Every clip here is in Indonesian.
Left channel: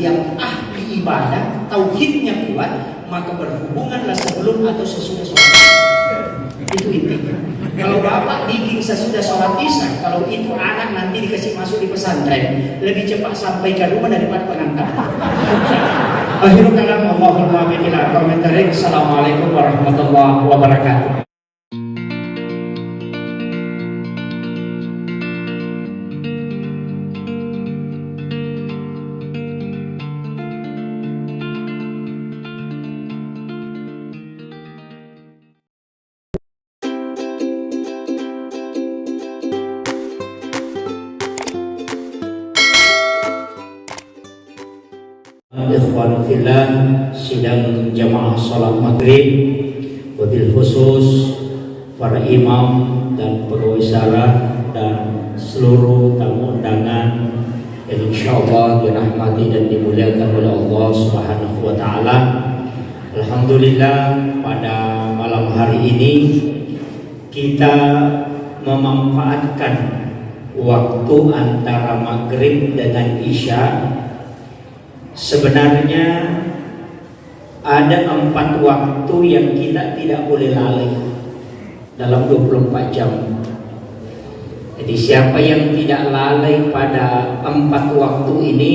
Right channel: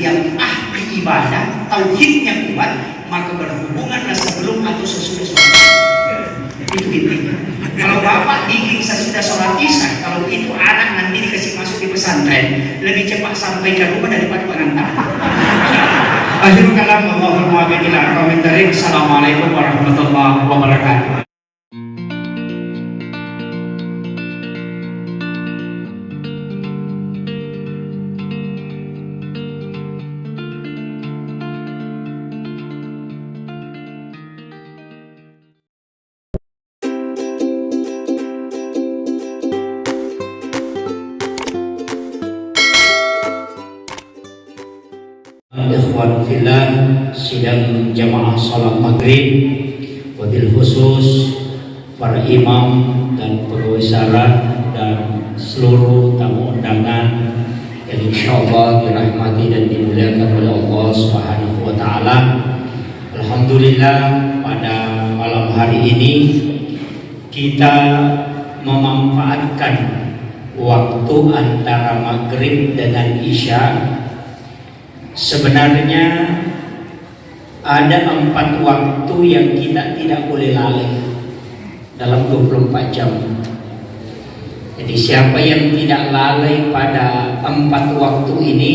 yang ahli ibadah, tauhidnya kuat, maka berhubunganlah sebelum atau sesudah sholat. Itu intinya. Kalau bapak diging sesudah sholat isya, kalau itu anak nanti dikasih masuk di pesantren, lebih cepat sampai ke rumah daripada pengantar. Akhirul kalam, Allahumma billahi Assalamualaikum warahmatullahi wabarakatuh. Ikhwan fillah, sidang jamaah salat maghrib, wabil khusus para imam dan pegawai salat dan seluruh tamu undangan yang insyaallah dirahmati dan dimuliakan oleh Allah Subhanahu wa taala. Alhamdulillah, pada malam hari ini kita memanfaatkan waktu antara maghrib dengan isya. Sebenarnya ada 4 waktu yang kita tidak boleh lalai dalam 24 jam. Jadi siapa yang tidak lalai pada 4 waktu ini,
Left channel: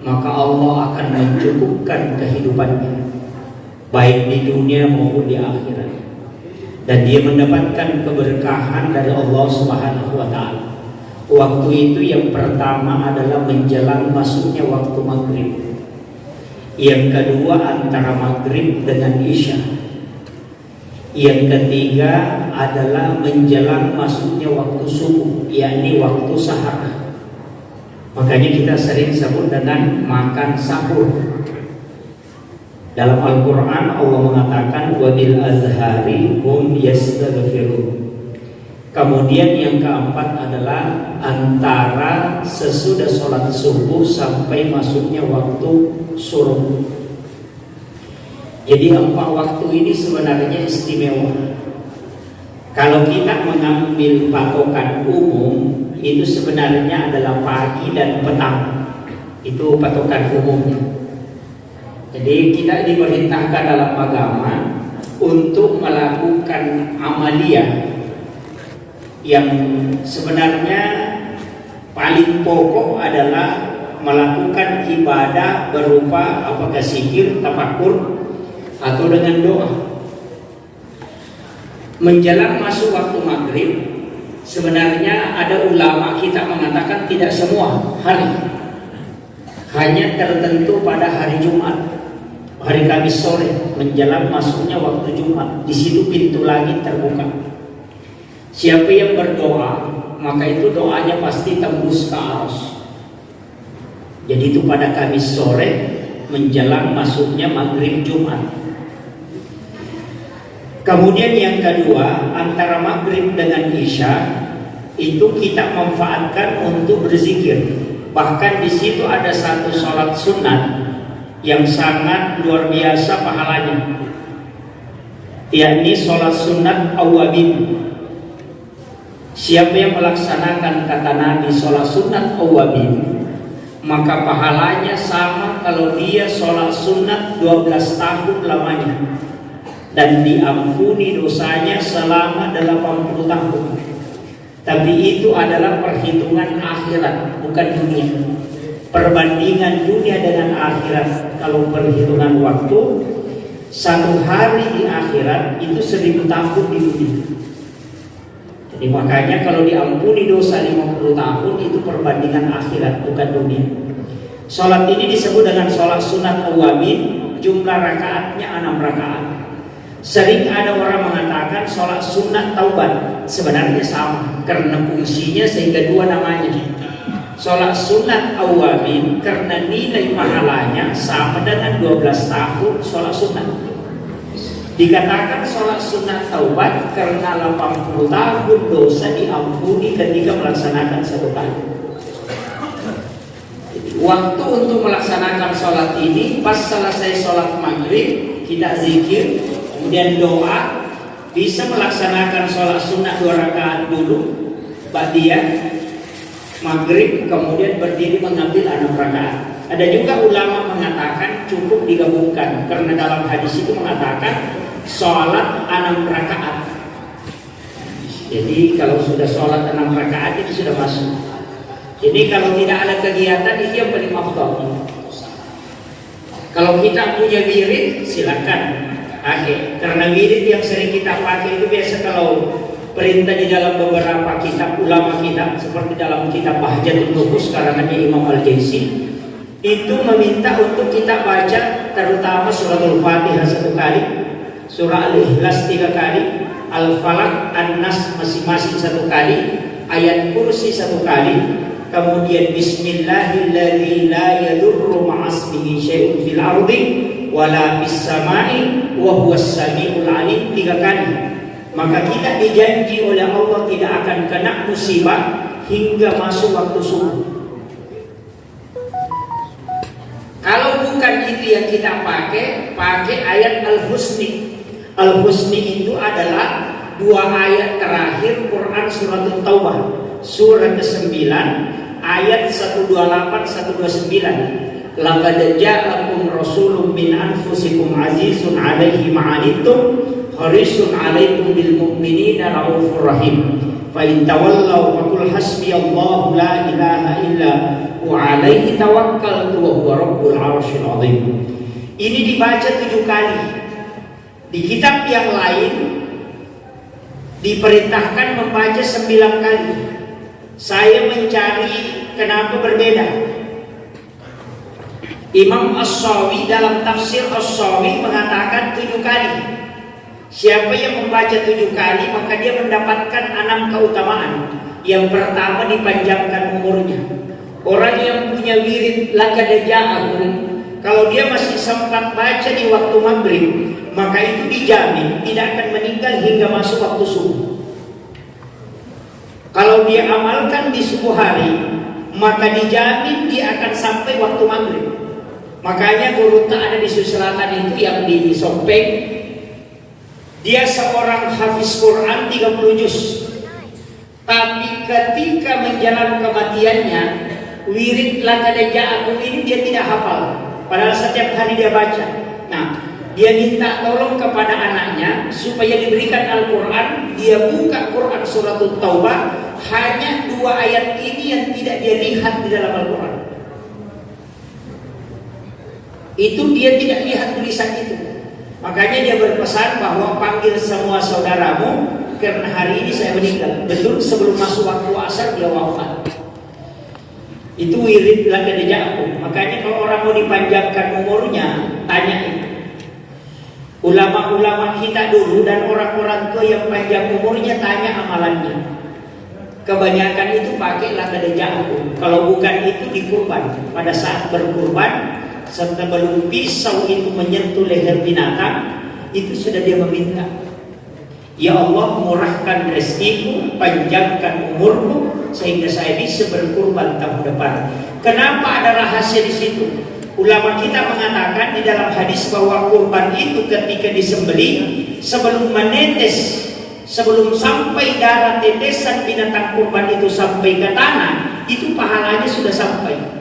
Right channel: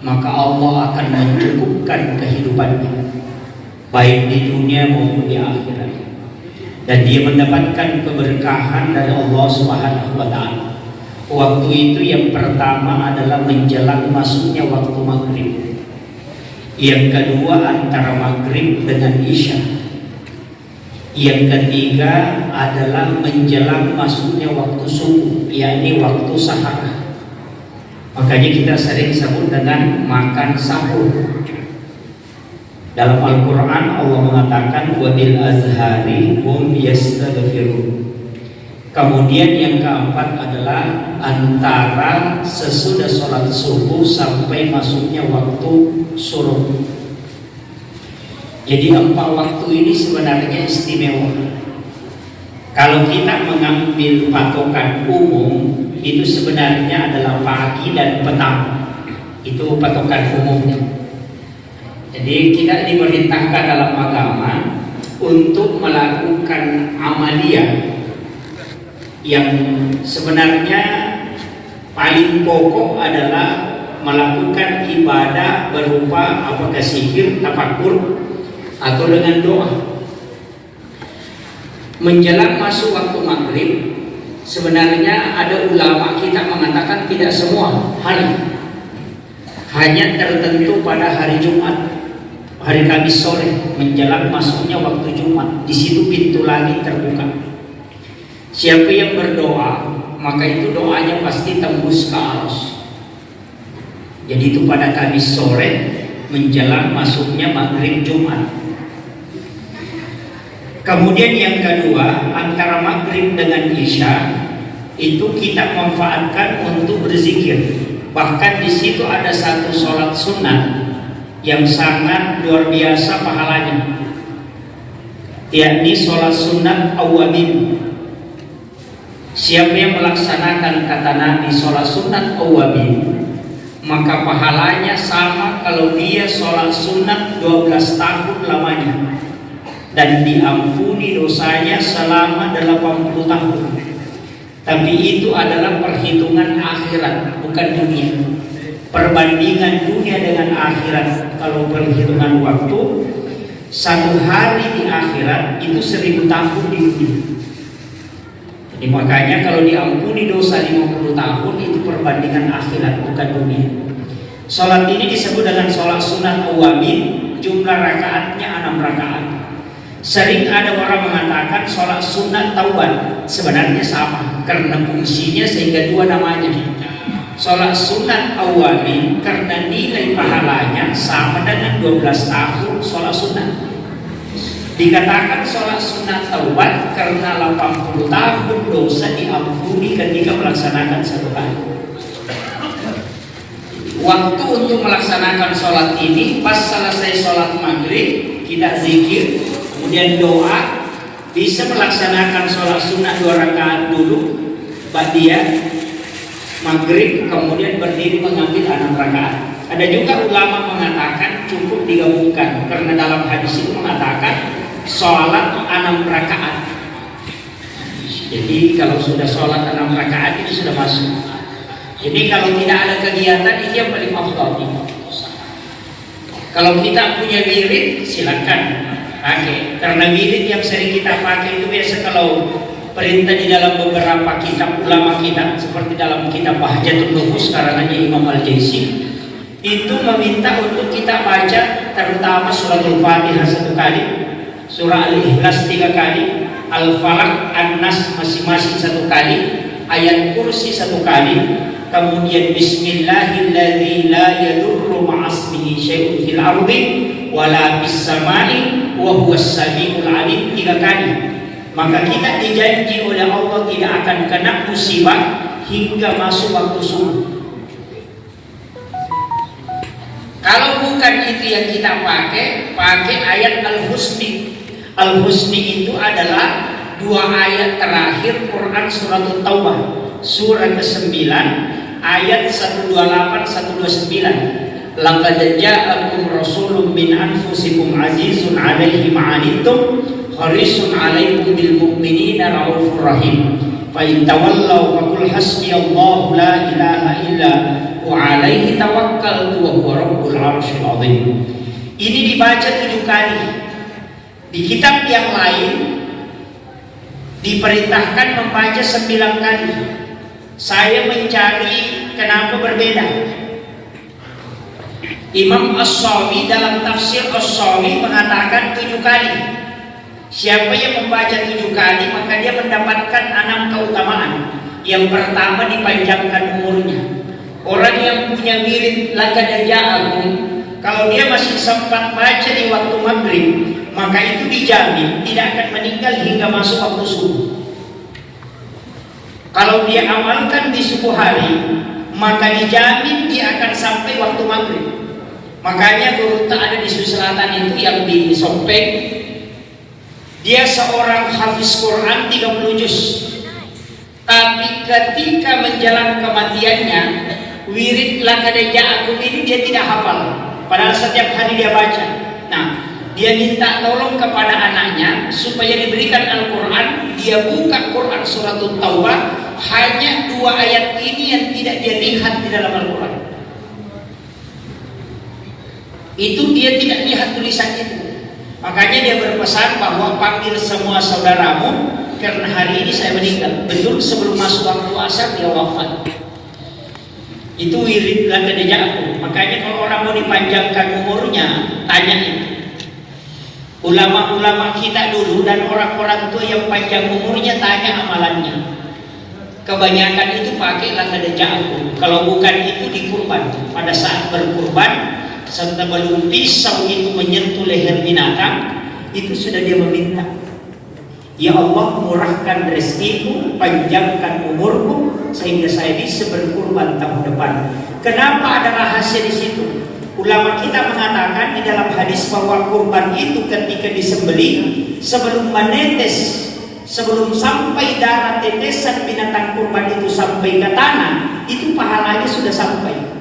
maka Allah akan mencukupkan kehidupannya, baik di dunia maupun di akhirat. Dan dia mendapatkan keberkahan dari Allah Subhanahu wa taala. Waktu itu yang pertama adalah menjelang masuknya waktu maghrib. Yang kedua antara maghrib dengan isya. Yang ketiga adalah menjelang masuknya waktu subuh, yakni waktu sahar. Makanya kita sering sebut dengan makan sahur. Dalam Al-Quran Allah mengatakan wabil azhari hum yastaghfirun. Kemudian yang keempat adalah antara sesudah sholat subuh sampai masuknya waktu suruh. Jadi 4 waktu ini sebenarnya istimewa. Kalau kita mengambil patokan umum, itu sebenarnya adalah pagi dan petang. Itu patokan umumnya. Jadi kita diperintahkan dalam agama untuk melakukan amaliyah yang sebenarnya paling pokok adalah melakukan ibadah berupa apakah zikir, tafakur, atau dengan doa. Menjelang masuk waktu maghrib, sebenarnya ada ulama kita mengatakan tidak semua hari, hanya tertentu pada hari Jumat, hari Kamis sore menjelang masuknya waktu Jumat. Di situ pintu langit terbuka. Siapa yang berdoa, maka itu doanya pasti tembus ke aras. Jadi itu pada Kamis sore menjelang masuknya maghrib Jumat. Kemudian yang kedua, antara maghrib dengan isya itu kita manfaatkan untuk berzikir. Bahkan di situ ada satu sholat sunat yang sangat luar biasa pahalanya, yakni sholat sunat awabin. Siapa yang melaksanakan kata Nabi sholat sunat awabin, maka pahalanya sama kalau dia sholat sunat 12 tahun lamanya, dan diampuni dosanya selama 80 tahun. Tapi itu adalah perhitungan akhirat, bukan dunia. Perbandingan dunia dengan akhirat, kalau perhitungan waktu, 1 hari di akhirat itu 1000 tahun di dunia. Jadi makanya kalau diampuni dosa 50 tahun itu perbandingan akhirat, bukan dunia. Sholat ini disebut dengan sholat sunat awabin, jumlah rakaatnya 6 rakaat. Sering ada orang mengatakan sholat sunat taubat, sebenarnya sama karena fungsinya sehingga 2 namanya. Sholat sunat awabin karena nilai pahalanya sama dengan 12 tahun sholat sunat. Dikatakan sholat sunat taubat karena 80 tahun dosa diampuni ketika melaksanakan 1 kali. Waktu untuk melaksanakan sholat ini pas selesai sholat maghrib kita zikir, kemudian doa, bisa melaksanakan sholat sunat 2 rakaat dulu, ba'diyah maghrib, kemudian berdiri mengambil 6 rakaat. Ada juga ulama mengatakan cukup digabungkan, karena dalam hadis itu mengatakan sholat 6 rakaat. Jadi kalau sudah sholat 6 rakaat itu sudah masuk. Jadi kalau tidak ada kegiatan itu yang paling afdal. Kalau kita punya wirid silakan pakai, karena wirid yang sering kita pakai itu biasa kalau perintah di dalam beberapa kitab ulama kita, seperti dalam kitab Bahjatul Nufus karangannya Imam Al-Jaisi, itu meminta untuk kita baca terutama surah Al-Fatihah 1 kali, surah Al-Ikhlas 3 kali, Al-Falaq, An-Nas masing-masing 1 kali, ayat kursi 1 kali, kemudian Bismillahilladzi la yadurru ma'asmihi syai'un fil ardi wala fis samai wa huwas samiul alim 3 kali. Maka kita dijanji oleh Allah tidak akan kena musibah hingga masuk waktu subuh. Kalau bukan itu yang kita pakai ayat Al-Husni. Al-Husni itu adalah 2 ayat terakhir Quran surat Taubah, surat ke-9 ayat 128 129. Laqad ja'akum rasulun min anfusikum azizun 'alaihi ma'anittum harisun 'alaikum bil mu'minina raufur rahim. Fa in tawallaw faqul hasbiyallahu la ilaha illa wa 'alaihi tawakkaltu wa huwa rabbul 'arsyil 'azim. Ini dibaca 7 kali. Di kitab yang lain diperintahkan membaca 9 kali. Saya mencari kenapa berbeda. Imam As-Sawi dalam tafsir As-Sawi mengatakan 7 kali. Siapa yang membaca 7 kali maka dia mendapatkan 6 keutamaan. Yang pertama, dipanjangkan umurnya. Orang yang punya wirid laqad ja'akum, kalau dia masih sempat baca di waktu maghrib, maka itu dijamin tidak akan meninggal hingga masuk waktu subuh. Kalau dia amalkan di subuh hari, maka dijamin dia akan sampai waktu maghrib. Makanya guru ada di Sulawesi Selatan itu yang di Sompeng, dia seorang hafiz Quran 30 juz. Tapi ketika menjelang kematiannya, wirid laqad ja'akum ini dia tidak hafal. Padahal setiap hari dia baca. Nah, dia minta tolong kepada anaknya supaya diberikan Al-Quran. Dia buka Quran surat Taubah, hanya 2 ayat ini yang tidak dia lihat di dalam Al-Quran. Itu dia tidak lihat tulisan itu. Makanya dia berpesan bahwa panggil semua saudaramu, karena hari ini saya meninggal. Betul sebelum masuk waktu asar dia wafat. Itu wirid laqad ja'akum. Makanya kalau orang mau dipanjangkan umurnya, tanya itu. Ulama-ulama kita dulu dan orang-orang tua yang panjang umurnya, tanya amalannya. Kebanyakan itu pakai laqad ja'akum. Kalau bukan itu dikurban. Pada saat berkurban, sebelum pisau itu menyentuh leher binatang, itu sudah dia meminta, ya Allah, murahkan rezekiku, panjangkan umurku sehingga saya bisa berkurban tahun depan. Kenapa ada rahasia di situ? Ulama kita mengatakan di dalam hadis bahwa kurban itu ketika disembelih, sebelum menetes, sebelum sampai darah tetesan binatang kurban itu sampai ke tanah, itu pahalanya sudah sampai.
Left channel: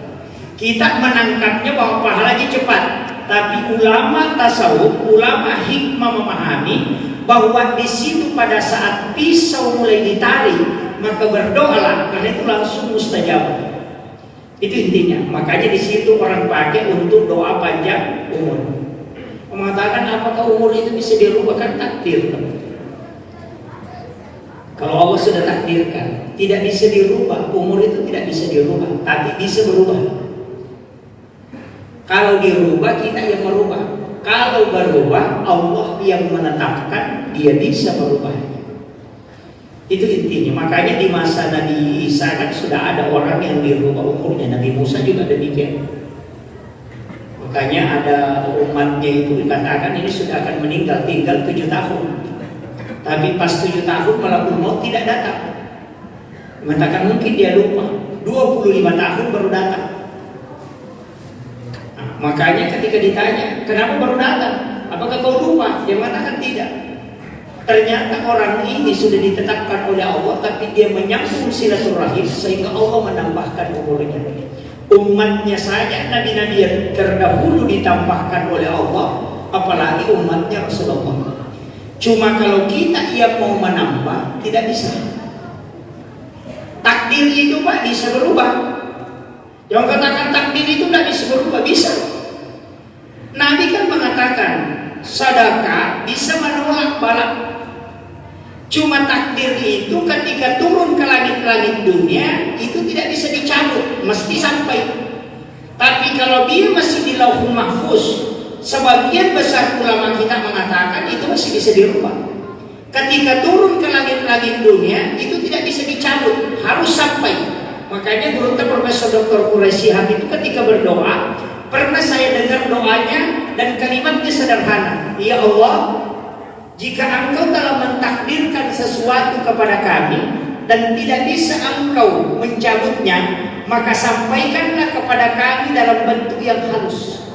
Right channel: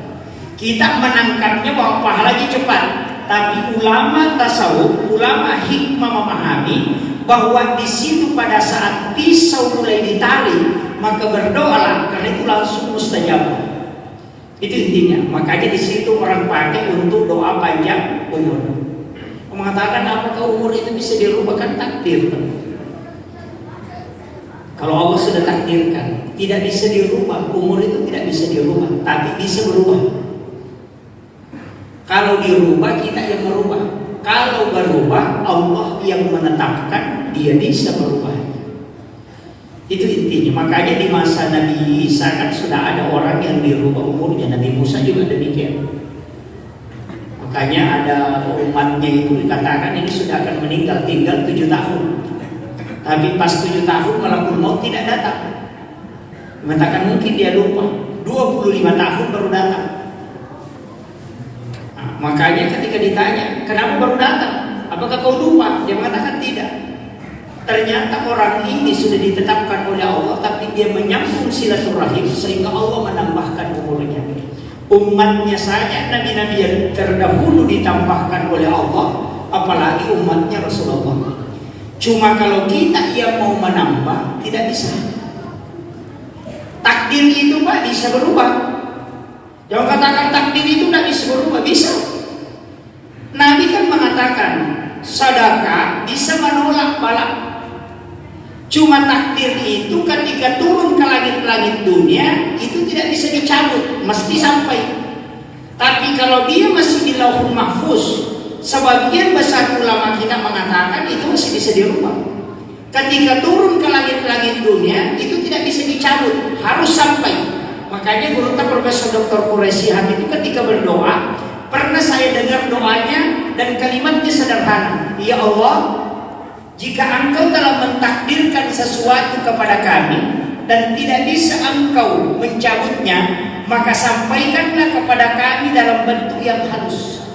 Kita menangkapnya bahwa pahalanya cepat, tapi ulama tasawuf, ulama hikmah memahami bahwa di situ pada saat pisau mulai ditarik, maka berdoalah, karena itu langsung mustajab. Itu intinya. Makanya di situ orang pakai untuk doa panjang umur. Mengatakan apakah umur itu bisa dirubah? Kan takdir. Kalau Allah sudah takdirkan, tidak bisa dirubah. Umur itu tidak bisa dirubah, tapi bisa berubah. Kalau dirubah, kita yang merubah. Kalau berubah, Allah yang menetapkan, dia bisa merubah. Itu intinya. Makanya di masa Nabi Isa kan sudah ada orang yang dirubah umurnya. Nabi Musa juga demikian. Makanya ada umatnya itu dikatakan ini sudah akan meninggal, tinggal 7 tahun. Tapi pas 7 tahun malakul maut tidak datang. Mengatakan mungkin dia lupa. 25 tahun baru datang. Makanya ketika ditanya, kenapa baru datang? Apakah kau lupa? Dia mengatakan tidak. Ternyata orang ini sudah ditetapkan oleh Allah, tapi dia menyambung silaturahim sehingga Allah menambahkan umurnya. Umatnya saja nabi-nabi yang terdahulu ditambahkan oleh Allah, apalagi umatnya Rasulullah. Cuma kalau kita mau menambah, tidak bisa. Takdir itu Pak bisa berubah. Jangan katakan takdir itu tidak bisa berubah, bisa. Nabi kan mengatakan sedekah bisa menolak bala. Cuma takdir itu ketika turun ke langit-langit dunia itu tidak bisa dicabut, mesti sampai. Tapi kalau dia masih di Lauhul Mahfuz, sebagian besar ulama kita mengatakan itu masih bisa dirubah. Ketika turun ke langit-langit dunia itu tidak bisa dicabut, harus sampai. Makanya guru kita Profesor Dr. Quraisy Shihab itu ketika berdoa, pernah saya dengar doanya dan kalimatnya sederhana. Ya Allah, jika Engkau telah mentakdirkan sesuatu kepada kami dan tidak bisa Engkau mencabutnya, maka sampaikanlah kepada kami dalam bentuk yang halus.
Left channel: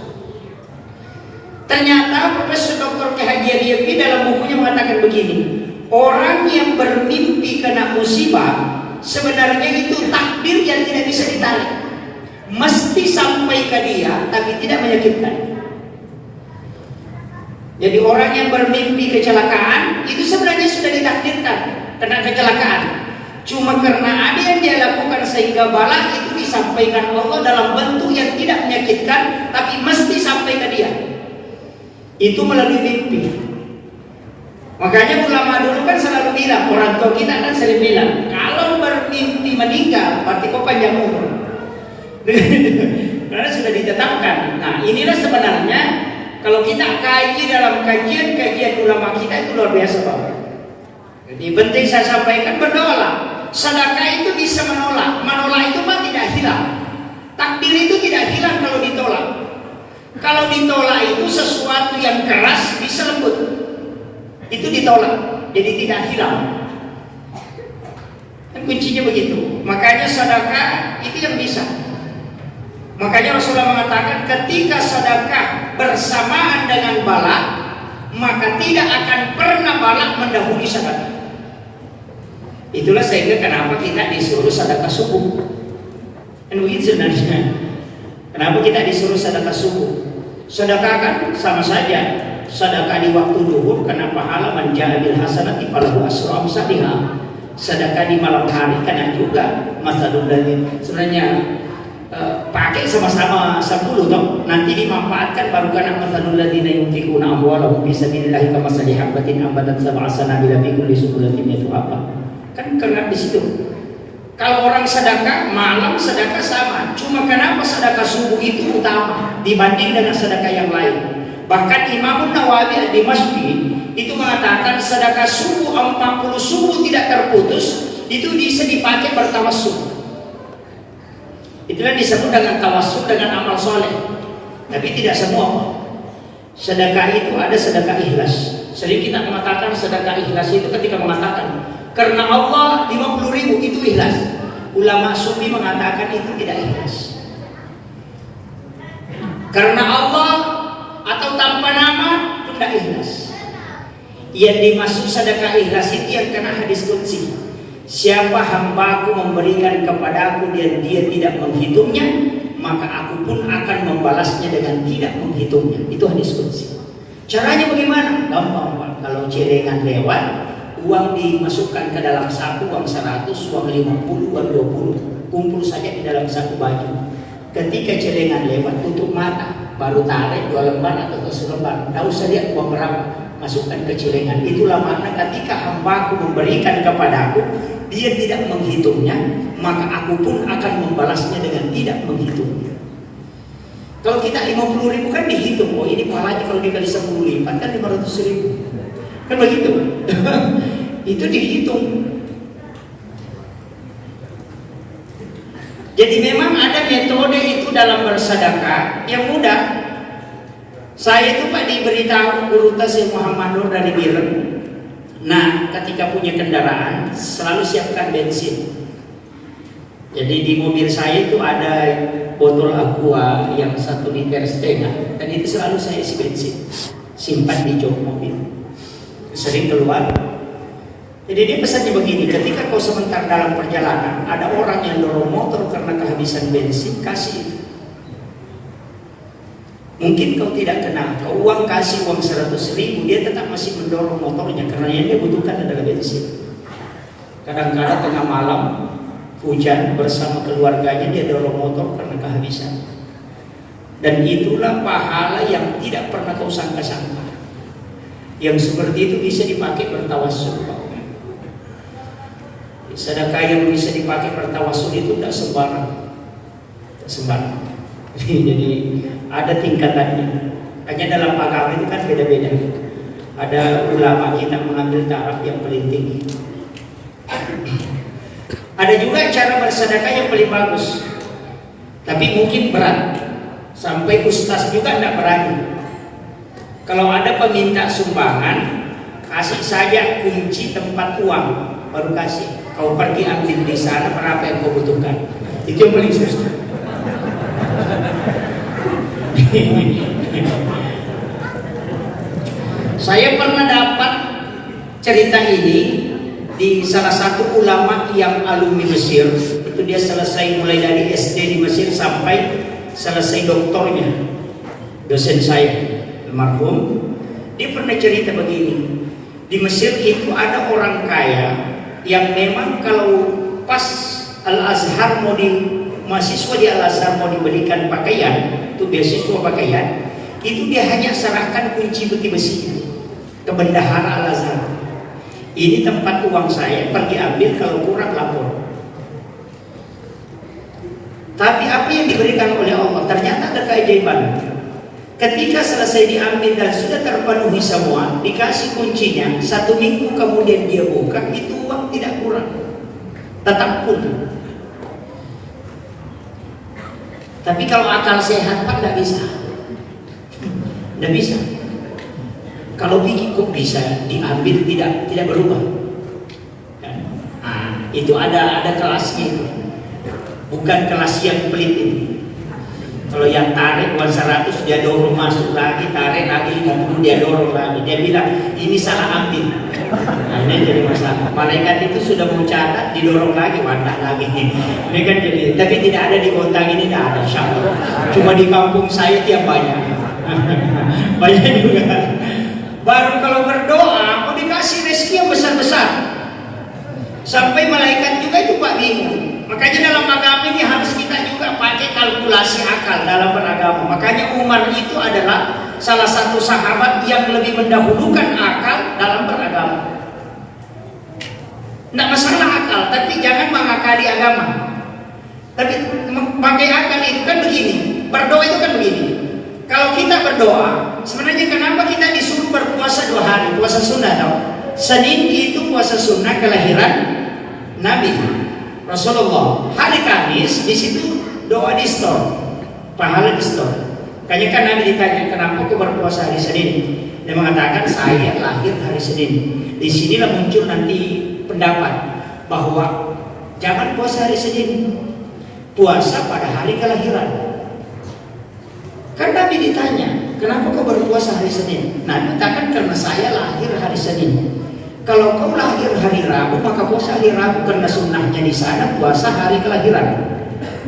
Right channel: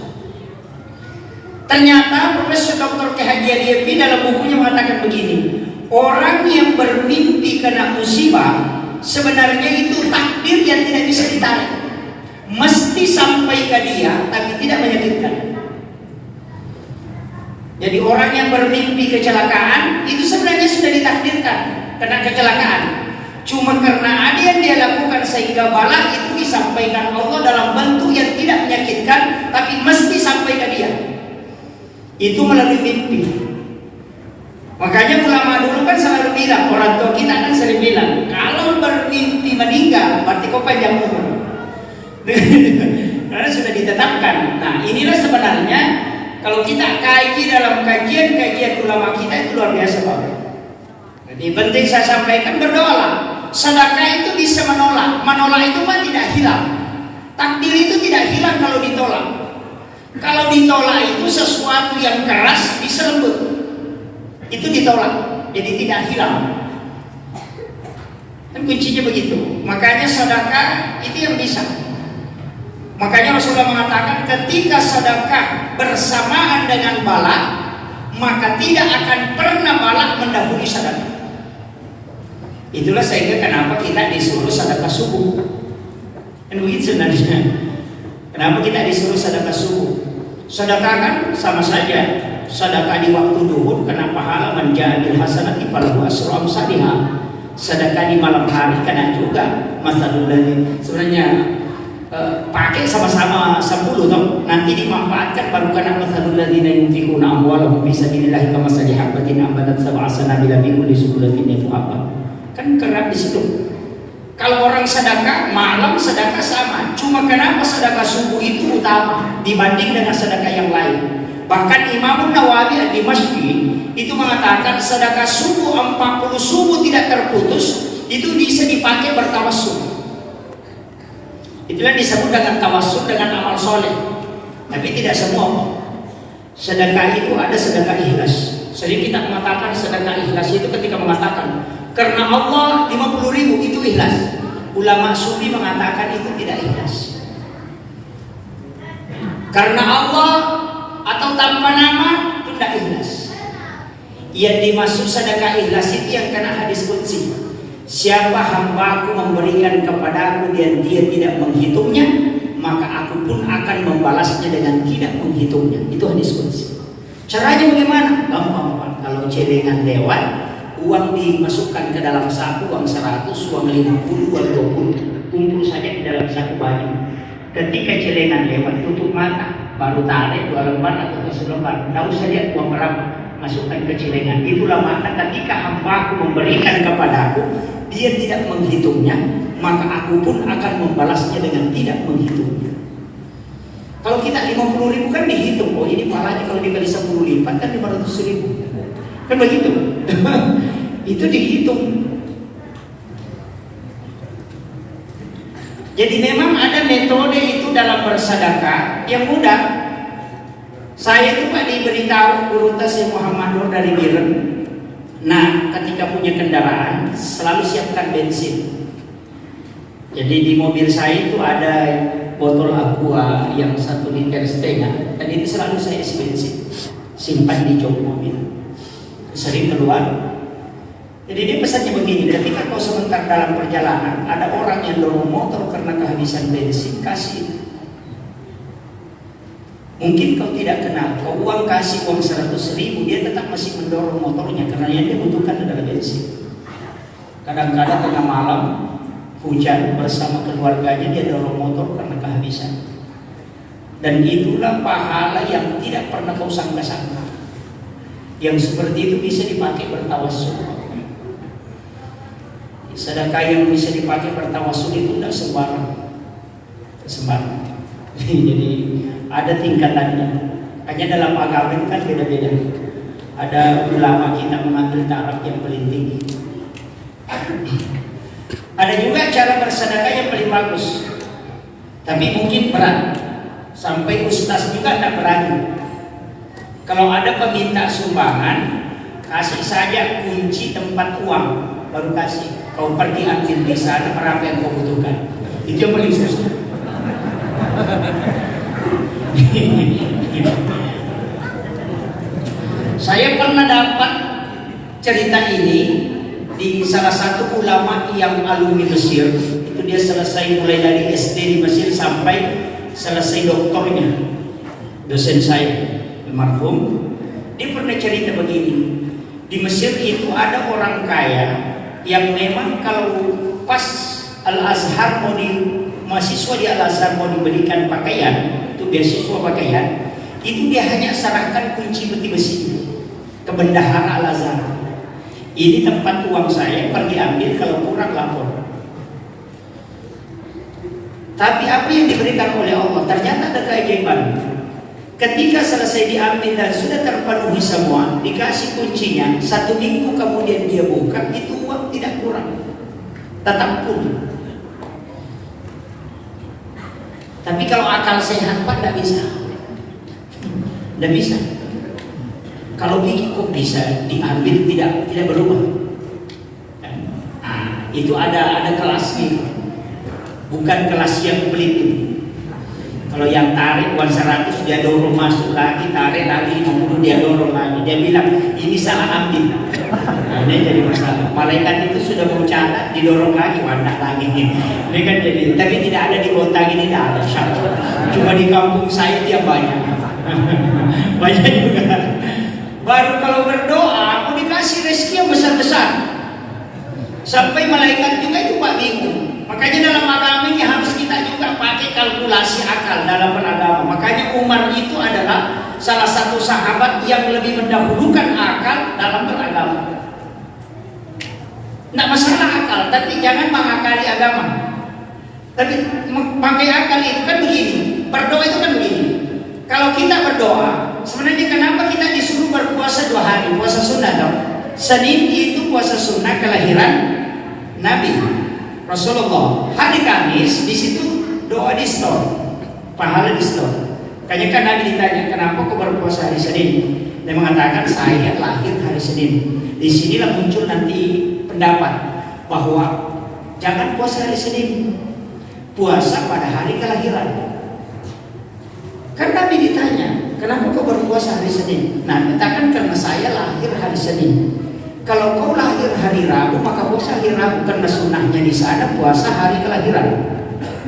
Ternyata Profesor Dr. K. Haji Aliyepi dalam bukunya mengatakan begini, orang yang bermimpi kena musibah sebenarnya itu takdir yang tidak bisa ditarik, mesti sampai ke dia tapi tidak menyakitkan. Jadi orang yang bermimpi kecelakaan itu sebenarnya sudah ditakdirkan kena kecelakaan. Cuma karena ada yang dia lakukan sehingga bala itu disampaikan Allah dalam bentuk yang tidak menyakitkan tapi mesti sampai ke dia. Itu melalui mimpi. Makanya ulama dulu kan selalu bilang, orang tua kita kan sering bilang, kalau bermimpi meninggal berarti kau panjang umur. Karena sudah ditetapkan. Nah inilah sebenarnya kalau kita kaji dalam kajian-kajian ulama kita itu luar biasa banget. Jadi penting saya sampaikan, berdoalah. Sedekah itu bisa menolak. Menolak itu mah tidak hilang. Takdir itu tidak hilang kalau ditolak. Kalau ditolak itu sesuatu yang keras bisa lembut. Itu ditolak, jadi tidak hilang. Dan kuncinya begitu. Makanya sedekah itu yang bisa. Makanya Rasulullah mengatakan ketika sedekah bersamaan dengan bala, maka tidak akan pernah bala mendahului sedekah. Itulah sehingga kenapa kita disuruh sedekah subuh. Dan begitu sebenarnya. Kenapa kita disuruh sedekah subuh? Sedekah kan sama saja. Sedekah di waktu duhur karena pahala man ja'a bil hasanati falahu asyru amsalihha. Sedekah di malam hari karena juga masalul dalil. Sebenarnya pakai sama-sama 10 toh, nanti dimanfaatkan baru karena masalul ladzina yunfiquna amwalahum fi sabilillahi kamasali habatin ambatat sab'a sanabila fi kulli subulatin yatuhabba. Kan karena di situ. Kalau orang sedekah malam sedekah sama, cuma kenapa sedekah subuh itu utama dibanding dengan sedekah yang lain. Bahkan Imam Nawawi Ad-Dimashqi itu mengatakan sedekah subuh 40 subuh tidak terputus itu bisa dipakai bertawassul. Itulah disebut dengan tawassul dengan amal soleh. Tapi tidak semua. Sedekah itu ada sedekah ikhlas. Sering kita mengatakan sedekah ikhlas itu ketika mengatakan karena Allah 50.000 itu ikhlas. Ulama sufi mengatakan itu tidak ikhlas. Karena Allah atau tanpa nama itu tidak ikhlas. Yang dimaksud sedekah ikhlas itu yang kena hadis qudsi. Siapa hambaku memberikan kepadaku dan dia tidak menghitungnya, maka aku pun akan membalasnya dengan tidak menghitungnya. Itu hadis qudsi. Caranya bagaimana? Gampang Pak. Kalau celengan lewat, uang dimasukkan ke dalam saku, uang 100, uang 50, uang 20, kumpul saja di dalam satu baju. Ketika celengan lewat, tutup mata, baru tarik 2 lembar atau 1 lembar. Tidak usah lihat uang berapa, masukkan ke celengan. Itulah makna ketika hambaku memberikan kepadaku, dia tidak menghitungnya, maka aku pun akan membalasnya dengan tidak menghitungnya. Kalau kita 50.000 kan dihitung, oh ini pahalanya kalau dikali 10 lipat kan 500.000. Kan begitu. Itu dihitung. Jadi memang ada metode itu dalam bersedekah yang mudah. Saya itu Pak diberitahu guru Tasir Muhammad Nur dari Biren. Nah, ketika punya kendaraan selalu siapkan bensin. Jadi di mobil saya itu ada botol aqua yang 1,5 liter dan itu selalu saya isi bensin, simpan di jok mobil. Sering keluar Jadi dia pesannya begini, ketika kau sebentar dalam perjalanan, ada orang yang dorong motor karena kehabisan bensin, kasih itu. Mungkin kau tidak kenal, kau kasih uang 100.000, dia tetap masih mendorong motornya karena yang dia butuhkan adalah bensin. Kadang-kadang tengah malam, hujan bersama keluarganya, dia dorong motor karena kehabisan. Dan itulah pahala yang tidak pernah kau sangka-sangka. Yang seperti itu bisa dipakai bertawassul. Sedekah yang bisa dipakai bertawassul itu tidak sembarang. Jadi ada tingkatannya. Hanya dalam agama itu kan beda-beda. Ada ulama kita mengambil taraf yang paling tinggi. Ada juga cara bersedekah yang paling bagus, tapi mungkin berat. Sampai ustaz juga tidak berani. Kalau ada peminta sumbangan, kasih saja kunci tempat uang, baru kasih. Kau pergi ambil di sana berapa yang kau butuhkan. Itu yang paling susah. Saya pernah dapat cerita ini di salah satu ulama yang alumni Mesir. Itu dia selesai mulai dari SD di Mesir sampai selesai doktornya. Dosen saya, almarhum, dia pernah cerita begini. Di Mesir itu ada orang kaya yang memang kalau pas Al-Azhar mahasiswa di Al-Azhar mau diberikan pakaian, itu beasiswa pakaian, itu dia hanya serahkan kunci peti besi ke bendahara Al-Azhar. Ini tempat uang saya, pergi ambil, kalau kurang lapor. Tapi apa yang diberikan oleh Allah ternyata ada keajaiban. Ketika selesai diambil dan sudah terpenuhi semua, dikasih kuncinya, 1 minggu kemudian dia buka, itu uang tidak kurang, tetap pun. Tapi kalau akal sehat Pak tidak bisa. Tidak bisa. Kalau bikin kok bisa diambil tidak berubah. Itu ada kelasnya. Bukan kelas yang pelit ini. Kalau yang tarik uang 100 dia dorong masuk lagi, tarik lagi 50 dia dorong lagi. Dia bilang ini salah ambil. Nah, ini jadi masalah. Malaikat itu sudah mau catat, didorong lagi, wadah lagi. Ini kan jadi. Tapi tidak ada di kota ini, tidak ada. Syarul. Cuma di kampung saya tiap banyak. Banyak juga. Baru kalau berdoa, mau dikasih rezeki yang besar-besar. Sampai malaikat juga itu Pak bingung. Makanya dalam agama ini harus kita juga pakai kalkulasi akal dalam beragama. Makanya Umar itu adalah salah satu sahabat yang lebih mendahulukan akal dalam beragama. Tidak masalah akal, tapi jangan mengakali agama. Tapi pakai akal itu kan begini. Berdoa itu kan begini. Kalau kita berdoa, sebenarnya kenapa kita disuruh berpuasa 2 hari? Puasa sunnah tau. Senin itu puasa sunnah kelahiran Nabi Rasulullah. Hari Kamis di situ doa di store, pahala di store. Kayaknya kan Nabi ditanya, kenapa kau berpuasa hari Senin? Dia mengatakan saya lahir hari Senin. Di sinilah muncul nanti pendapat bahwa jangan puasa hari Senin, puasa pada hari kelahiran. Karena Nabi ditanya, kenapa kau berpuasa hari Senin? Nah, katakan karena saya lahir hari Senin. Kalau kau lahir hari Rabu, maka puasa hari Rabu karena sunnahnya di sana puasa hari kelahiran,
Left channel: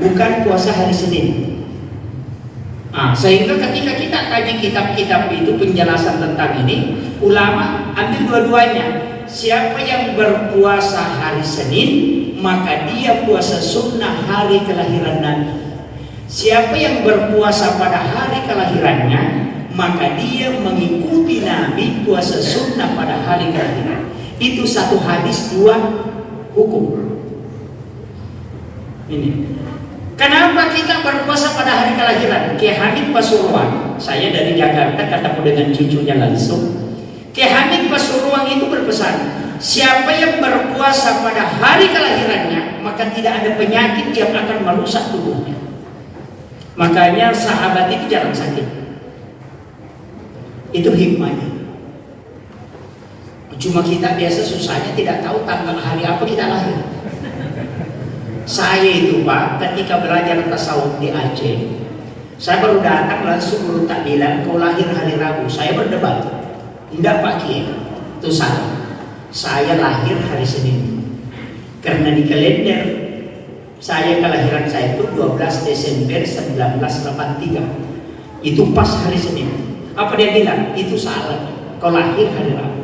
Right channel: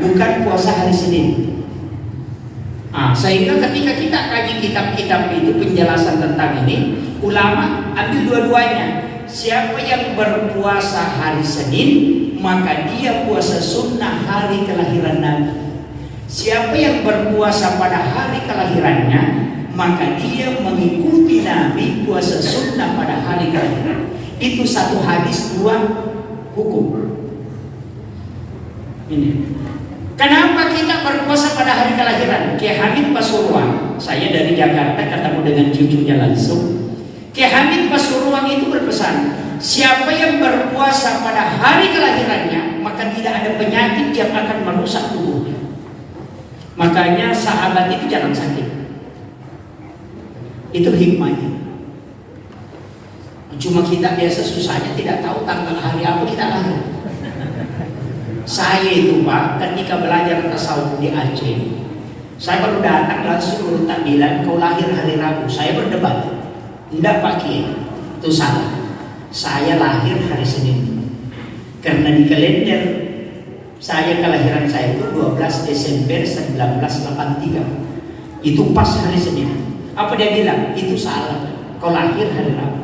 bukan puasa hari Senin. Sehingga ketika kita kaji kitab-kitab itu penjelasan tentang ini, ulama ambil dua-duanya. Siapa yang berpuasa hari Senin, maka dia puasa sunnah hari kelahiran Nabi. Siapa yang berpuasa pada hari kelahirannya, maka dia mengikuti Nabi puasa sunnah pada hari kelahiran. Itu satu hadis, 2 hukum. Ini. Kenapa kita berpuasa pada hari kelahiran? Kiai Hamid Pasuruan, saya dari Jakarta ketemu dengan cucunya langsung. Kiai Hamid Pasuruan itu berpesan, siapa yang berpuasa pada hari kelahirannya, maka tidak ada penyakit yang akan merusak tubuhnya. Makanya sahabat itu jarang sakit. Itu hikmahnya. Cuma kita biasa susahnya tidak tahu tanggal hari apa kita lahir. Saya itu Pak, ketika belajar tasawuf di Aceh, saya baru datang langsung guru takbiran, kau lahir hari Rabu. Saya berdebat, tidak Pak Kiai, itu salah. saya lahir hari Senin. Karena di kalender kelahiran saya itu 12 Desember 1983. Itu pas hari Senin. Apa dia bilang? Itu salah. Kau lahir hari Rabu.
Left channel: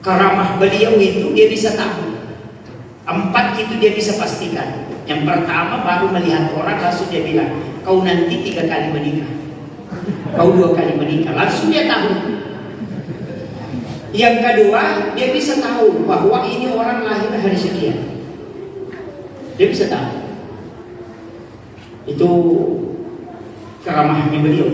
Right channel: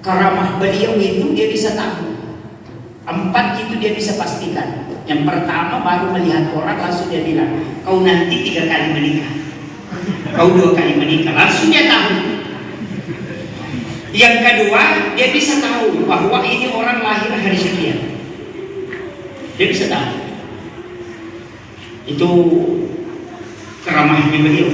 Karamah beliau itu dia bisa tahu. 4 itu dia bisa pastikan. Yang pertama baru melihat orang langsung dia bilang, kau nanti 3 kali menikah, kau 2 kali menikah, langsung dia tahu. Yang kedua dia bisa tahu bahwa ini orang lahir hari sekian. Dia bisa tahu. Itu keramahnya beliau.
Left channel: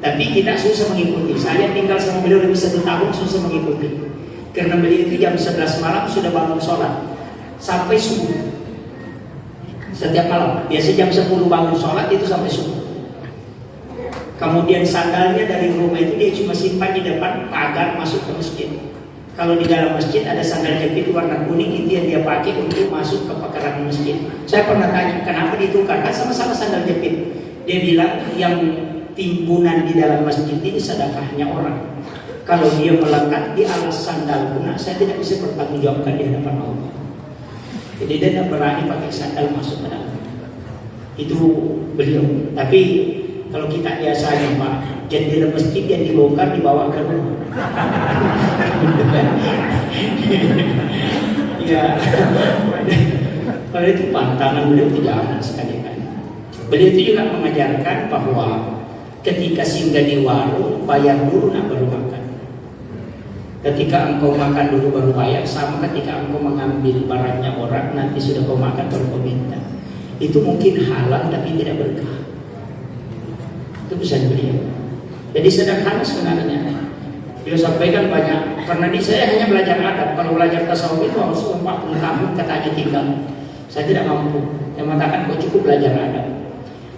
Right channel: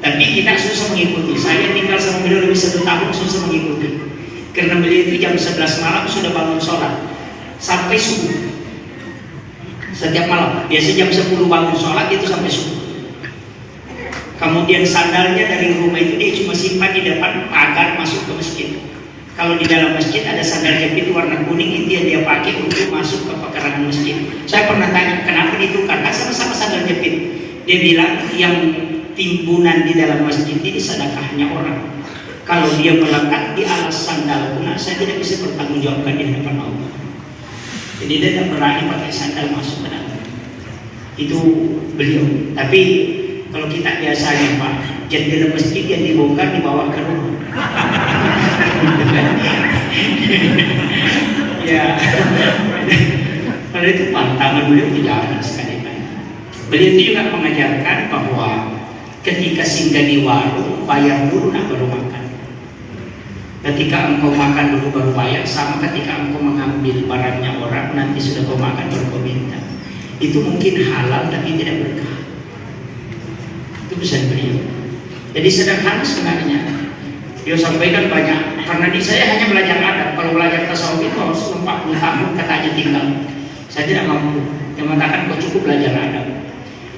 Tapi kita susah mengikuti. Saya tinggal sama beliau lebih 1 tahun susah mengikuti. Karena beliau itu jam 11 malam sudah bangun sholat sampai subuh. Setiap malam, biasa jam 10 bangun sholat itu sampai subuh. Kemudian sandalnya dari rumah itu dia cuma simpan di depan agar masuk ke masjid. Kalau di dalam masjid ada sandal jepit warna kuning, itu yang dia pakai untuk masuk ke pekarangan masjid. Saya pernah tanya kenapa ditukar, kan sama-sama sandal jepit. Dia bilang yang timbunan di dalam masjid ini sedekahnya orang. Kalau dia melekat di alas sandal guna, saya tidak bisa bertanggungjawabkan di hadapan Allah. Jadi dia tidak berani pakai sandal masuk ke dalam. Itu beliau. Tapi kalau kita biasanya Pak, jendela masjid yang dibongkar dibawa ke rumah. Ya. Kalau itu pantangan beliau itu jangan sekali kan. Beliau itu juga mengajarkan bahwa ketika singgah di warung bayar dulu nak baru makan. Ketika engkau makan dulu baru bayar, sama ketika engkau mengambil barangnya orang nanti sudah kau makan baru kau minta. Itu mungkin halal tapi tidak berkah. Itu pesan beliau. Jadi sederhana sebenarnya. Dia sampaikan banyak. Karena di saya hanya belajar adab. Kalau belajar tasawuf itu harus 40 tahun katanya tinggal. Saya tidak mampu. Yang mengatakan kau cukup belajar adab.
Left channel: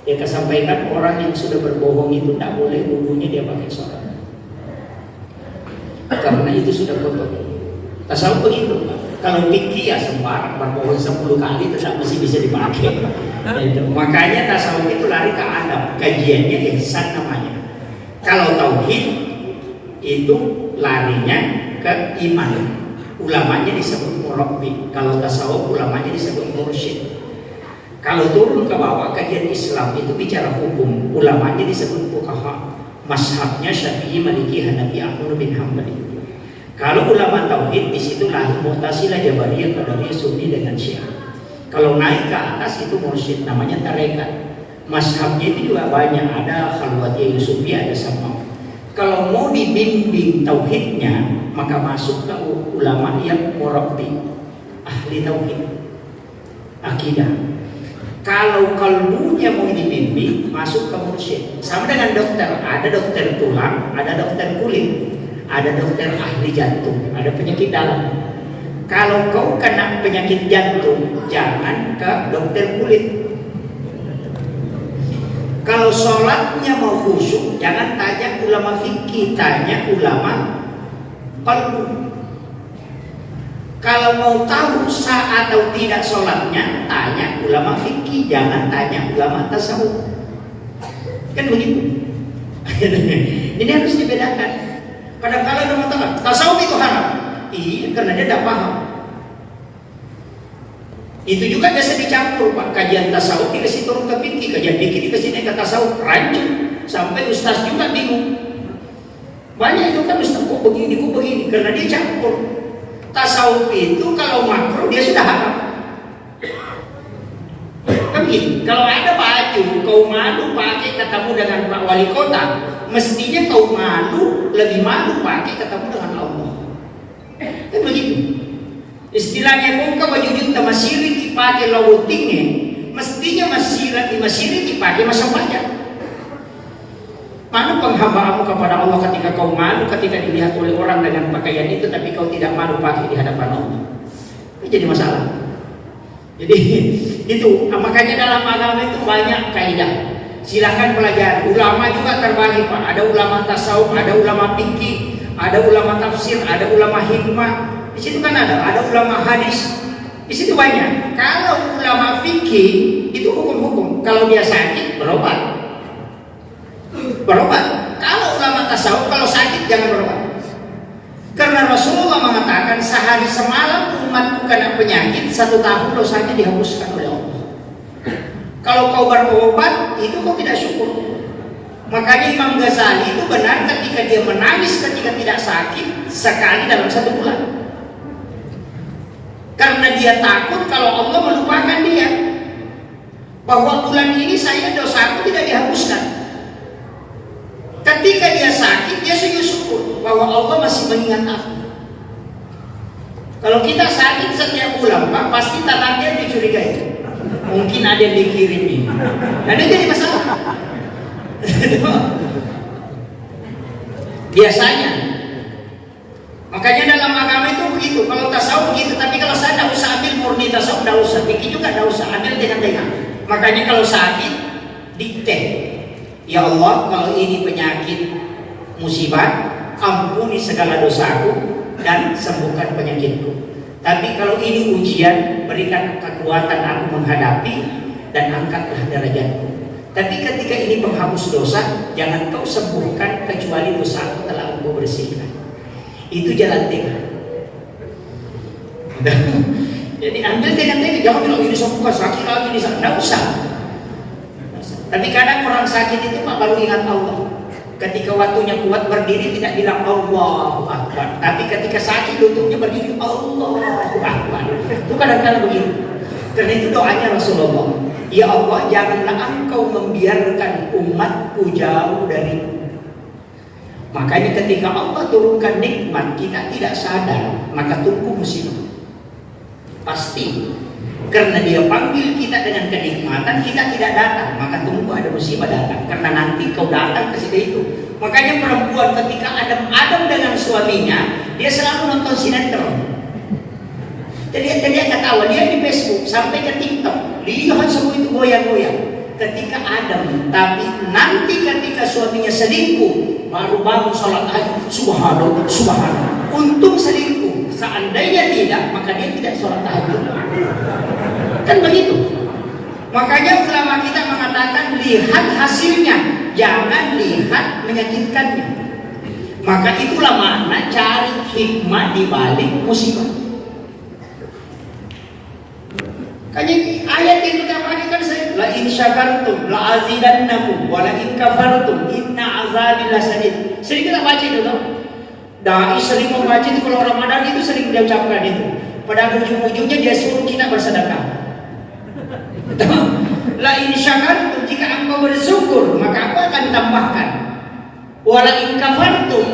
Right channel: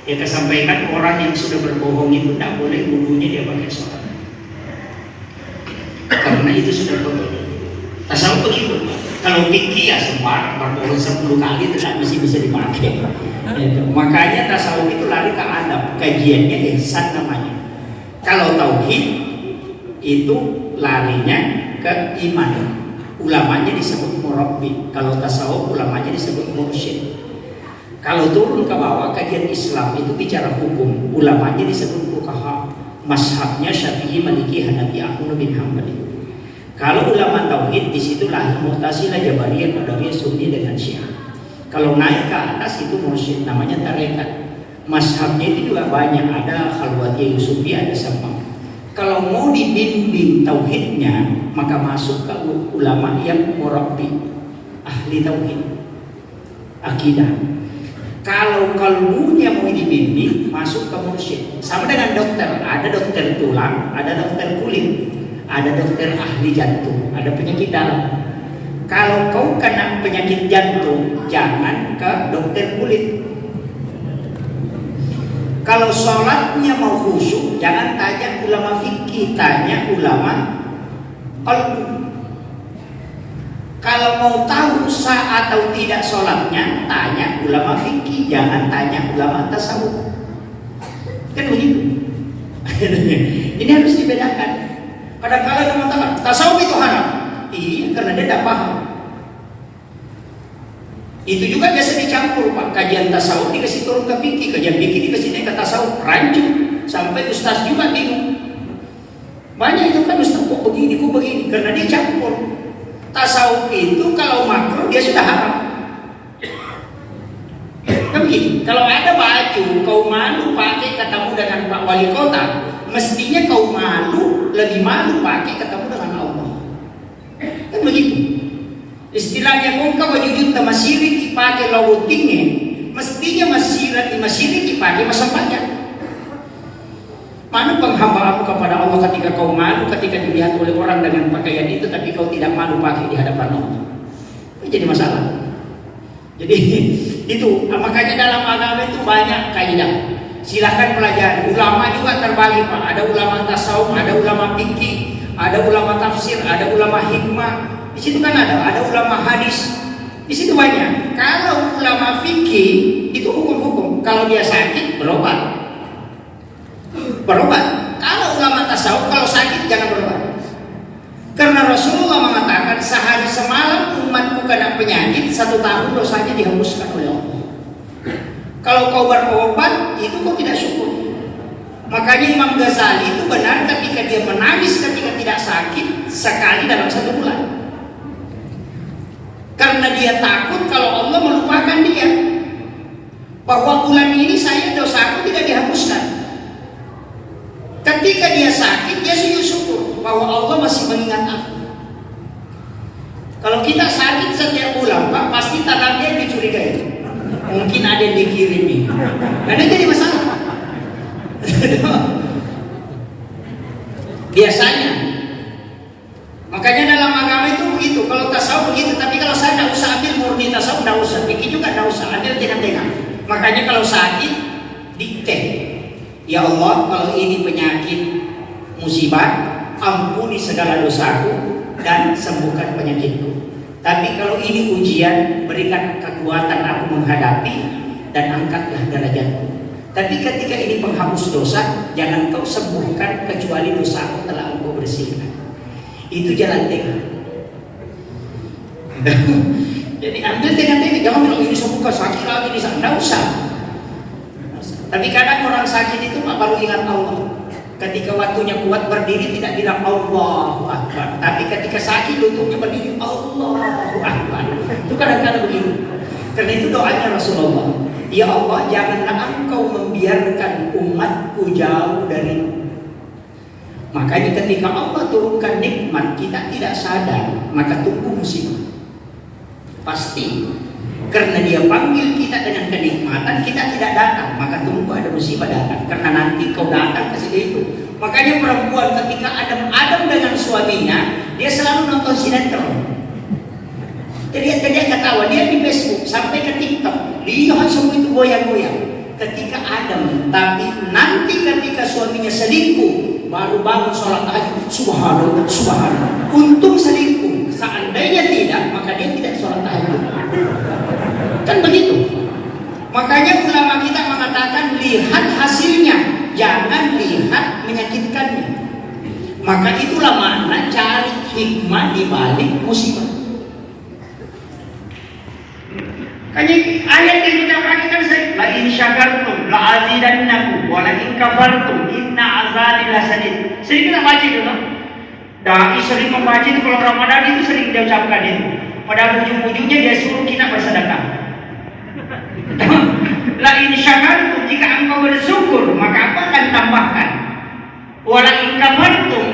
Dia sampaikan orang yang sudah berbohong itu tidak boleh wudhunya dia pakai sholat. Karena itu sudah kotor. Tasawuf begitu. Kalau fikih ya semua berbohong 10 kali tidak masih bisa dipakai. Makanya tasawuf itu lari ke adab. Kajiannya ihsan namanya. Kalau tauhid itu larinya ke iman. Ulamanya disebut murabbi. Kalau tasawuf ulamanya disebut mursyid. Kalau turun ke bawah kajian Islam itu bicara hukum. Ulamanya disebut fuqaha. Mazhabnya Syafi'i, Maliki, Hanafi, Ahmad bin Hanbali. Kalau ulama tauhid di situ lahir Mu'tazilah, Jabariyah, Qadariyah, Sunni dengan Syiah. Kalau naik ke atas itu mursyid namanya tarekat. Mazhabnya itu juga banyak, ada Khalwatiyah, Yusufiyah, ada Sam'ah. Kalau mau dibimbing tauhidnya maka masuk ke ulama yang murabbi, ahli tauhid, akidah. Kalau kalbunya mau dibimbing masuk ke mursyid. Sama dengan dokter, ada dokter tulang, ada dokter kulit, ada dokter ahli jantung, ada penyakit dalam. Kalau kau kena penyakit jantung, jangan ke dokter kulit. Kalau sholatnya mau khusyuk, jangan tanya ulama fikih, tanya ulama qalbu. Kalau mau tahu sah atau tidak sholatnya, tanya ulama fikih, jangan tanya ulama tasawuf. Kan begitu. Ini harus dibedakan. Padahal kalau ada mengatakan tasawuf itu haram, iya karena dia tidak paham. Itu juga biasa dicampur Pak, kajian tasawuf dikasih turun ke fikih, kajian fikih dikasih naik ke tasawuf, rancu sampai ustaz juga bingung. Banyak itu kan ustaz kok begini, karena dia campur. Tasawuf itu kalau makruh dia sudah haram. Kan gini, kalau ada baju kau malu pakai ketemu dengan Pak Wali Kota, mestinya kau malu, lebih malu pakai ketemu dengan Allah. Kan begitu. Istilahnya kau baju junta masiri dipakai lalu tinggi, mestinya masiri dipakai masa pelajar. Mana penghambaanmu kepada Allah ketika kau malu ketika dilihat oleh orang dengan pakaian itu, tapi kau tidak malu pakai di hadapan Allah? Itu jadi masalah. Jadi itu makanya dalam agama itu banyak kaidah. Silakan pelajari. Ulama juga terbagi Pak. Ada ulama tasawuf, ada ulama fikih, ada ulama tafsir, ada ulama hikmah. Di situ kan ada ulama hadis. Di situ banyak. Kalau ulama fikih itu hukum-hukum. Kalau dia sakit berobat. Kalau ulama tasawuf kalau sakit jangan berobat. kena penyakit 1 tahun dosanya dihapuskan oleh Allah. Kalau kau berobat itu kau tidak syukur. Makanya Imam Ghazali itu benar ketika dia menangis ketika tidak sakit sekali dalam 1 bulan. Karena dia takut kalau Allah melupakan dia, bahwa bulan ini saya dosaku tidak dihapuskan. Ketika dia sakit, dia sujud syukur bahwa Allah masih mengingat aku. Kalau kita sakit setiap bulan, Pak, pasti tangannya dicurigai. Mungkin ada yang dikirimi. Nah, itu jadi masalah. Biasanya. Makanya dalam agama itu begitu. Kalau tasawuf begitu, tapi kalau saya tidak usah ambil murni tasawuf, tidak usah. Fikih juga tidak usah, ambil tengah-tengah. Makanya kalau sakit, dikte. Ya Allah, kalau ini penyakit musibah, ampuni segala dosaku dan sembuhkan penyakitku. Tapi kalau ini ujian, berikan kekuatan aku menghadapi dan angkatlah derajatku. Tapi ketika ini penghapus dosa, jangan kau sembuhkan kecuali dosaku telah engkau bersihkan. Itu jalan tengah. Jadi ambil tengah-tengah, jangan bilang ini sembuhkan sakit lagi, ini sakit, tidak usah. Tapi kadang orang sakit itu baru ingat Allah. Ketika waktunya kuat berdiri tidak bilang Allahu Akbar, tapi ketika sakit lututnya berdiri Allahu Akbar. Itu kadang-kadang begitu. Karena itu doanya Rasulullah, ya Allah, janganlah engkau membiarkan umatku jauh darimu. Makanya ketika Allah turunkan nikmat kita tidak sadar, maka tunggu musibah. Pasti. Karena dia panggil kita dengan kenikmatan, kita tidak datang, maka tunggu ada musibah datang. Karena nanti kau datang ke situ itu. Makanya perempuan ketika Adam dengan suaminya, dia selalu nonton sinetron. Jadi dia ketawa, dia di Facebook sampai ke TikTok, lihat semua itu goyang-goyang. Ketika Adam, tapi nanti ketika suaminya selingkuh, baru bangun sholat tahajud, subhanallah, subhanallah. Untung selingkuh. Seandainya tidak, maka dia tidak sholat tahajud. Kan begitu. Makanya ulama kita mengatakan lihat hasilnya, jangan lihat menyakitkannya. Maka itulah makna cari hikmah di balik musibah. Kayaknya ayat yang kita pakai kan la in syakartum la azidannakum wa la in kafartum inna azabi lasadid. Sering kita baca itu kan? Dai sering membaca itu kalau Ramadan itu sering dia ucapkan itu. Pada ujung-ujungnya dia suruh kita bersedekah. La in syakartum, jika engkau bersyukur maka aku akan tambahkan. Wa la in kafartum,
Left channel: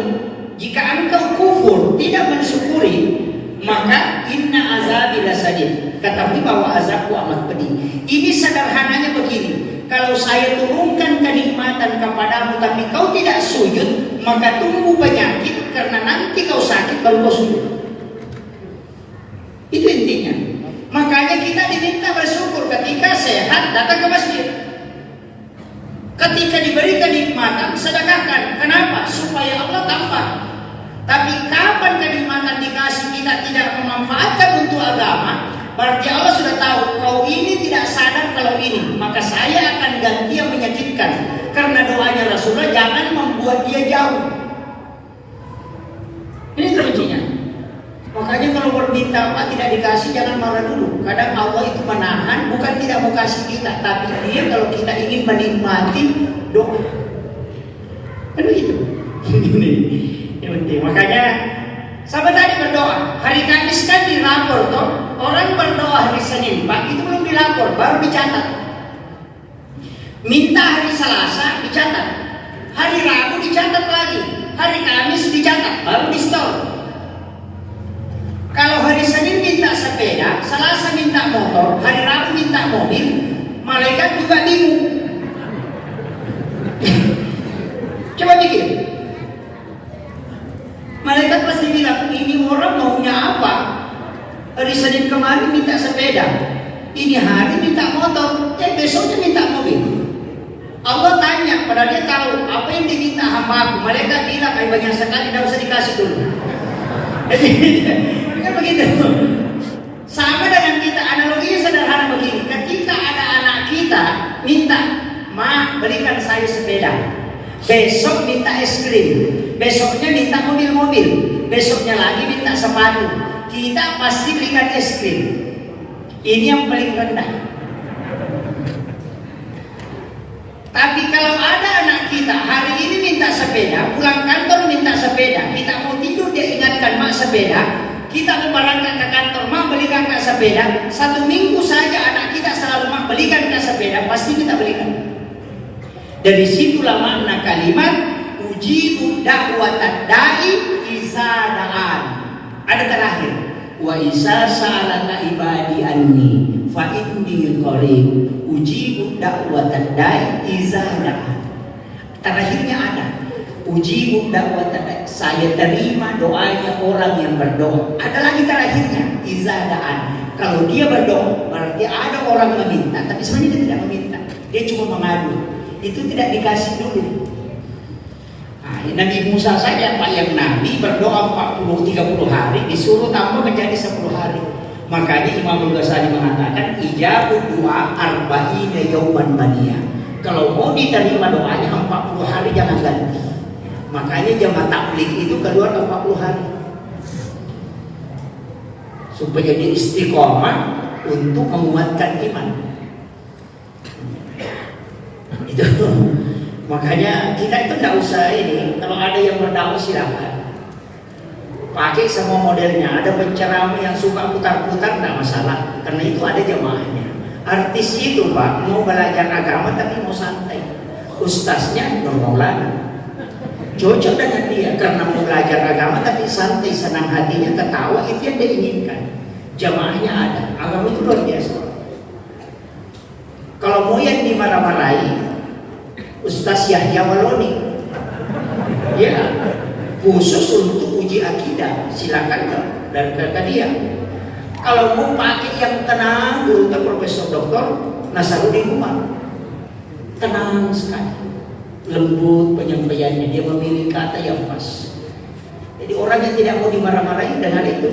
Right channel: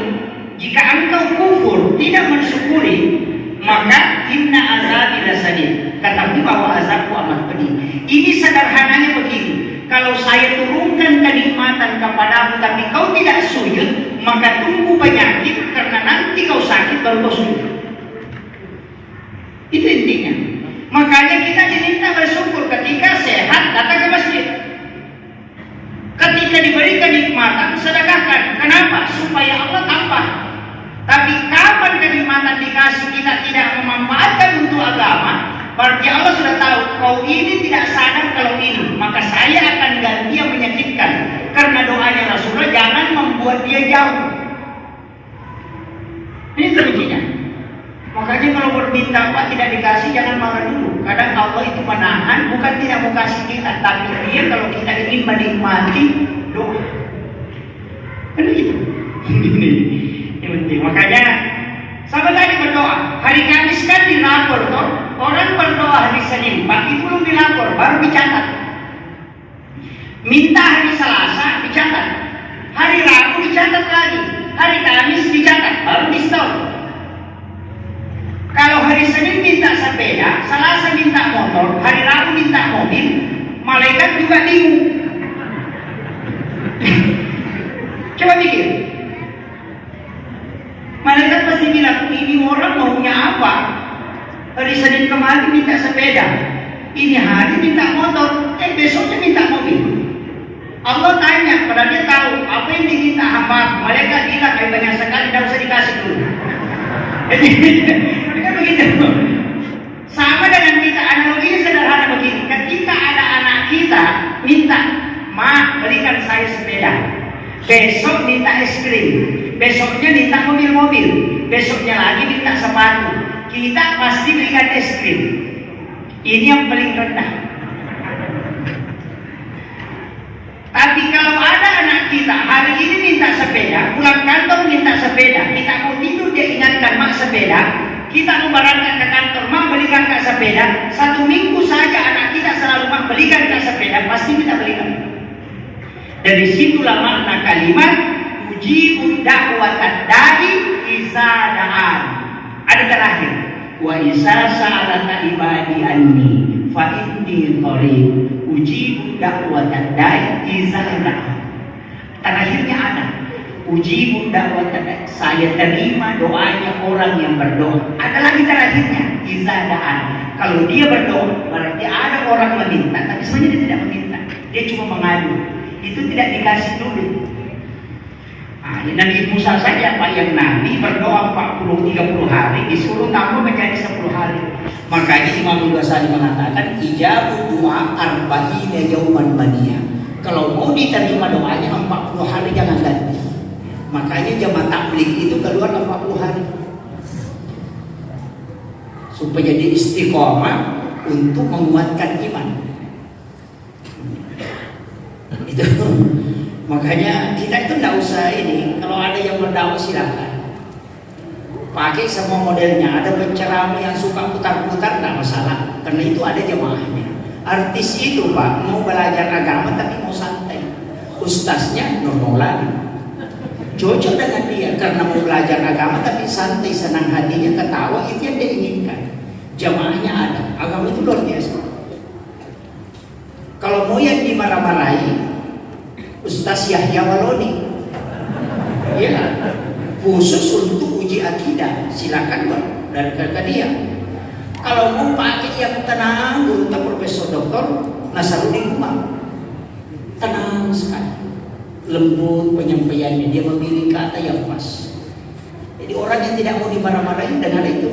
jika engkau kufur tidak mensyukuri maka inna azabi lasadid. Ketahui bahwa azabku amat pedih. Ini sederhananya begini. Kalau saya turunkan kenikmatan kepadamu tapi kau tidak sujud, maka tunggu penyakit, karena nanti kau sakit baru kau sujud. Itu intinya. Makanya kita diminta bersyukur ketika sehat, datang ke masjid. Ketika diberi kenikmatan, sedekahkan. Kenapa? Supaya Allah tambah. Tapi kapan kenikmatan dikasih kita tidak memanfaatkan untuk agama, berarti Allah sudah tahu kau ini tidak sadar kalau ini, maka saya akan ganti yang menyakitkan. Karena doanya Rasulullah, jangan membuat dia jauh. Ini kuncinya. Makanya kalau berminta apa tidak dikasih, jangan marah dulu. Kadang Allah itu menahan, bukan tidak mau kasih kita, tapi dia kalau kita ingin menikmati doa. Kan begitu. Ini yang penting. Makanya sahabat tadi berdoa. Hari Kamis kan dilapor toh. Orang berdoa hari Senin, Pak, itu belum dilapor, baru dicatat. Minta hari Selasa dicatat. Hari Rabu dicatat lagi. Hari Kamis dicatat, baru di store. Kalau hari Senin minta sepeda, Selasa minta motor, hari Rabu minta mobil, malaikat juga bingung. Coba pikir. Malaikat pasti bilang, ini orang maunya apa? Hari Senin kemarin minta sepeda, ini hari minta motor, besoknya minta mobil. Allah tanya, padahal dia tahu apa yang diminta hamba. Malaikat bilang, banyak sekali, tidak usah dikasih dulu. Kan begitu. Sama dengan kita, analoginya sederhana begini. Ketika ada anak kita minta, Ma, belikan saya sepeda. Besok minta es krim, besoknya minta mobil-mobil, besoknya lagi minta sepatu. kita pasti belikan es krim. Ini yang paling rendah. Tapi kalau ada anak kita hari ini minta sepeda, pulang kantor minta sepeda, kita mau tidur dia ingatkan mak sepeda, kita mau berangkat ke kantor mak belikan kak sepeda, 1 minggu saja anak kita selalu mak belikan kak sepeda, pasti kita belikan. Dari situlah makna kalimat ujibu da'watad da'i iza da'an. Ada terakhir, wa isa sa'alaka ibadi anni fa inni qarib ujibu da'watad da'i iza da'an. Terakhirnya ada ujibu da'watad da'i, saya terima doanya orang yang berdoa. Ada lagi terakhirnya iza da'an. Kalau dia berdoa berarti ada orang meminta, tapi sebenarnya dia tidak meminta, dia cuma mengadu. Itu tidak dikasih dulu. Nah, Nabi Musa saja Pak yang Nabi berdoa 40-30 hari disuruh tambah menjadi 10 hari. Makanya Imam Ghazali mengatakan ijabu doa arba'ina yauman baniya. Kalau mau diterima doanya 40 hari jangan ganti. Makanya jamaah tabligh itu keluar 40 hari. Supaya dia istiqomah untuk menguatkan iman. Itu. Makanya kita itu tidak usah ini. Kalau ada yang berdakwah silakan pakai semua modelnya. Ada penceramah yang suka putar-putar tidak masalah, karena itu ada jemaahnya. Artis itu Pak mau belajar agama tapi mau santai. Ustaznya Nurmaulana cocok dengan dia karena mau belajar agama tapi santai, senang hatinya, ketawa, itu yang dia inginkan. Jemaahnya ada. Agama itu luar biasa. Kalau mau yang dimarah-marahi Ustaz Yahya Waloni, ya, khusus untuk uji akidah, silakan Pak, dan ke dia. Kalau mau pakai yang tenang, guru Profesor Doktor Nasaruddin Umar, tenang sekali, lembut penyampaiannya, dia memilih kata yang pas. Jadi orang yang tidak mau dimarah-marahi dengar itu.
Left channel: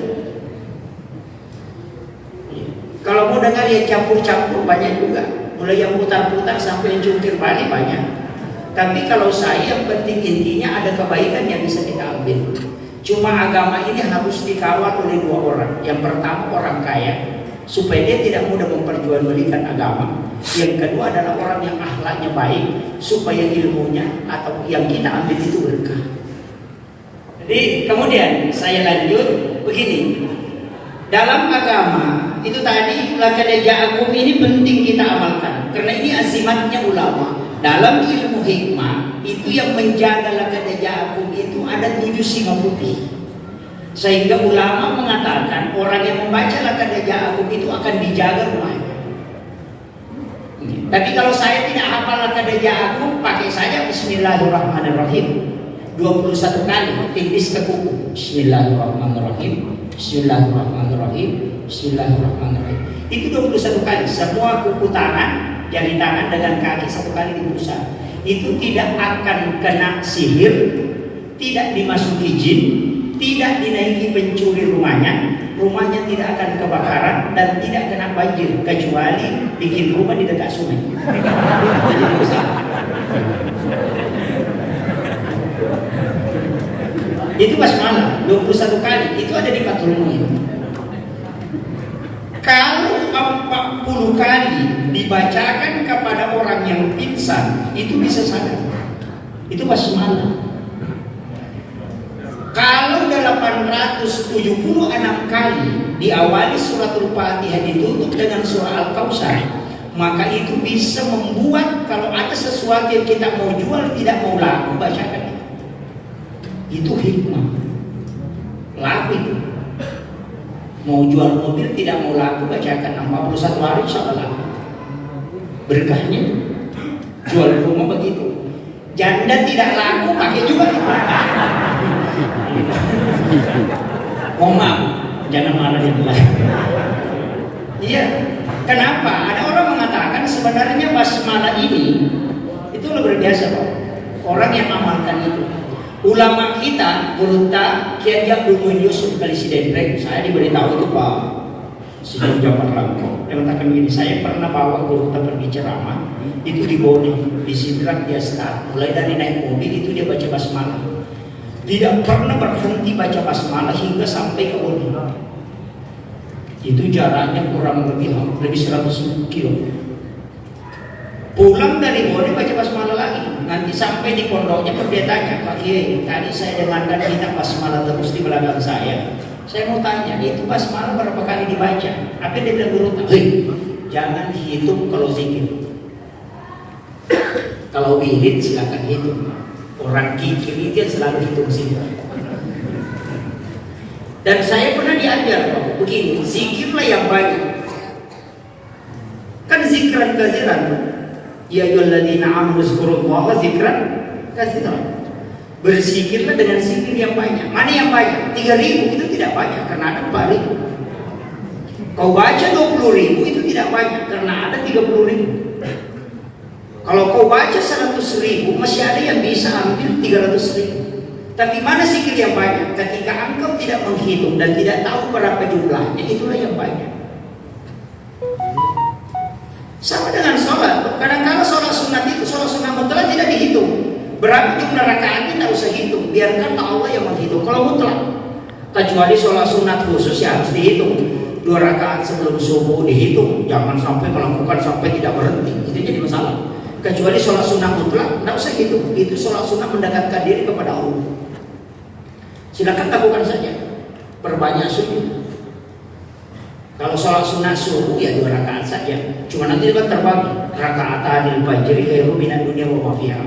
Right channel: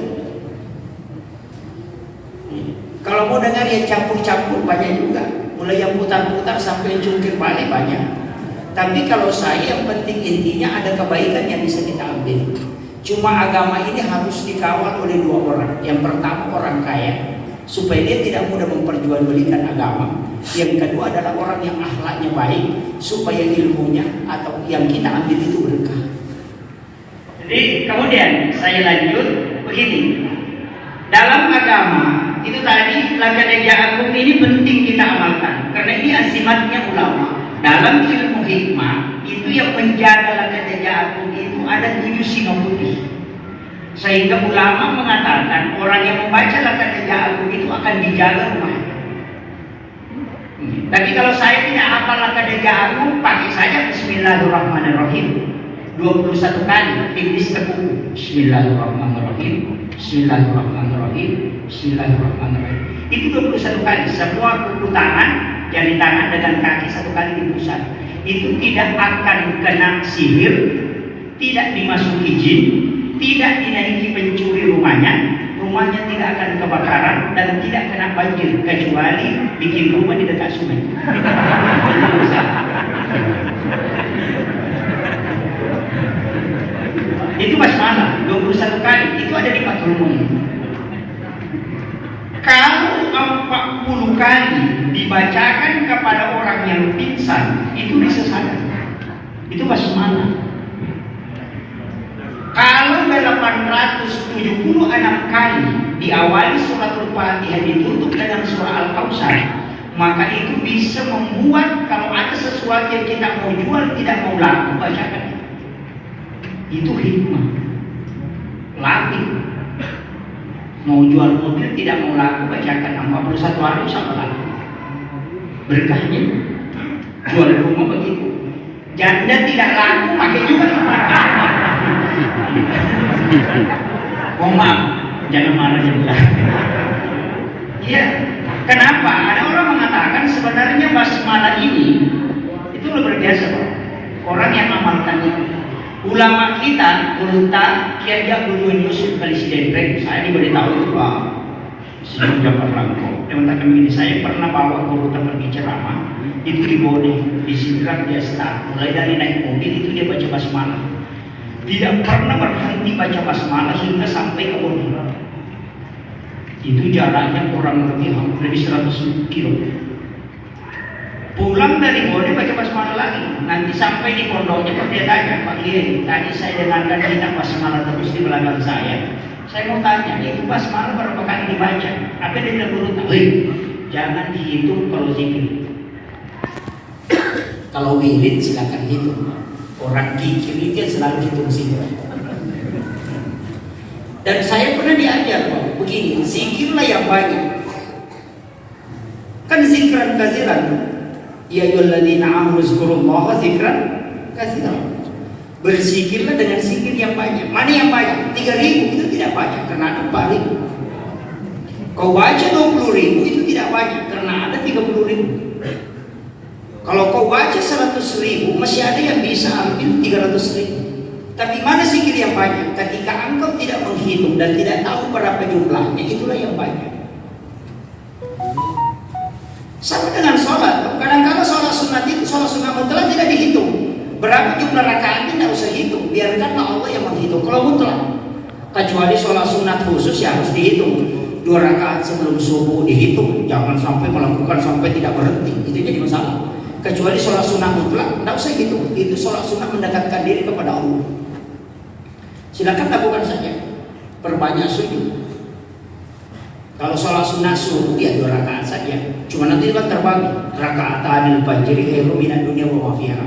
Kalau mau dengar yang campur-campur banyak juga. Mulai yang putar-putar sampai yang jungkir balik banyak. Tapi kalau saya yang penting intinya ada kebaikan yang bisa kita ambil. Cuma agama ini harus dikawal oleh 2 orang. Yang pertama orang kaya, supaya dia tidak mudah memperjualbelikan agama. Yang kedua adalah orang yang akhlaknya baik, supaya ilmunya atau yang kita ambil itu berkah. Jadi kemudian saya lanjut begini. Dalam agama itu tadi laqad ja'akum ini penting kita amalkan karena ini azimatnya ulama. Dalam ilmu hikmah itu yang menjaga laqad ja'akum itu ada 7 singa putih. Sehingga ulama mengatakan orang yang membaca laqad ja'akum itu akan dijaga rumahnya. Tapi kalau saya tidak hafal laqad ja'akum, pakai saja Bismillahirrahmanirrahim 21 kali, tipis ke buku. Bismillahirrahmanirrahim, Bismillahirrahmanirrahim, Bismillahirrahmanirrahim. Itu 21 kali. Semua kuku tangan, jari tangan dengan kaki 1 kali dipusat. Itu tidak akan kena sihir, tidak dimasuki jin, tidak dinaiki pencuri rumahnya tidak akan kebakaran dan tidak kena banjir kecuali bikin rumah di dekat sungai. Itu basmalah 21 kali, itu ada di Fathul Muin. Kalau 40 kali dibacakan kepada orang yang pingsan, itu bisa sadar. Itu basmalah. Kalau 876 kali diawali suratul Fatihah ditutup dengan surah Al-Kautsar, maka itu bisa membuat kalau ada sesuatu yang kita mau jual tidak mau laku, bacakan itu hikmah. Laku. Mau jual mobil tidak mau laku, bacakan 41 hari insya Allah laku. Berkahnya. Jual rumah begitu. Janda tidak laku, pakai juga. Mohon maaf, jangan marah ya. Iya. Kenapa? Ada orang mengatakan sebenarnya basmalah ini itu luar biasa, Pak. Orang yang amalkan itu. Ulama kita, Gurunta, Kiai Abdul Yusuf Presiden, saya diberitahu itu Pak Sejak Jafar Langko. Dia mengatakan begini, saya pernah bawa Gurunta pergi ceramah, itu di Bone, di Sidrak dia start. Mulai dari naik mobil itu dia baca basmalah. Tidak pernah berhenti baca basmalah hingga sampai ke Bone. Itu jaraknya kurang lebih 100 kilo. Pulang dari Bode baca basmalah lagi. Nanti sampai di pondoknya dia tanya, Pak Kiai, tadi saya dengarkan kita basmalah terus di belakang saya. Saya mau tanya, itu basmalah berapa kali dibaca? Apa dia bilang guru? Jangan dihitung kalau zikir. Kalau wirid silakan hitung. Orang kikir itu yang selalu hitung situ. Dan saya pernah diajar begini, zikirlah yang banyak. Kan zikran katsiran. Ya ayyuhalladzina amanu zkurullaha zikran katsiran. Berzikirlah dengan zikir yang banyak. Mana yang banyak? 3.000 itu tidak banyak karena ada 4.000. Kau baca 20.000 itu tidak banyak karena ada 30.000. Kalau kau baca 100.000 masih ada yang bisa ambil 300.000. Tapi mana zikir yang banyak? Ketika engkau tidak menghitung dan tidak tahu berapa jumlahnya, itulah yang banyak. Sama dengan sholat. Kadang-kadang sholat sunat itu, sholat sunat mutlak tidak dihitung. Berapa jumlah rakaatnya tidak usah hitung. Biarkanlah Allah yang menghitung. Kalau mutlak, kecuali sholat sunat khusus ya harus dihitung. 2 rakaat sebelum subuh dihitung. Jangan sampai melakukan sampai tidak berhenti. Itu jadi masalah. Kecuali sholat sunat mutlak, tidak usah hitung. Itu sholat sunat mendekatkan diri kepada Allah. Silakan lakukan saja. Perbanyak sujud. Kalau sholat sunat subuh ya 2 rakaat saja. Cuma nanti kan terbagi. Raka'atan al-fajr khairum minad dunya wa ma fiha.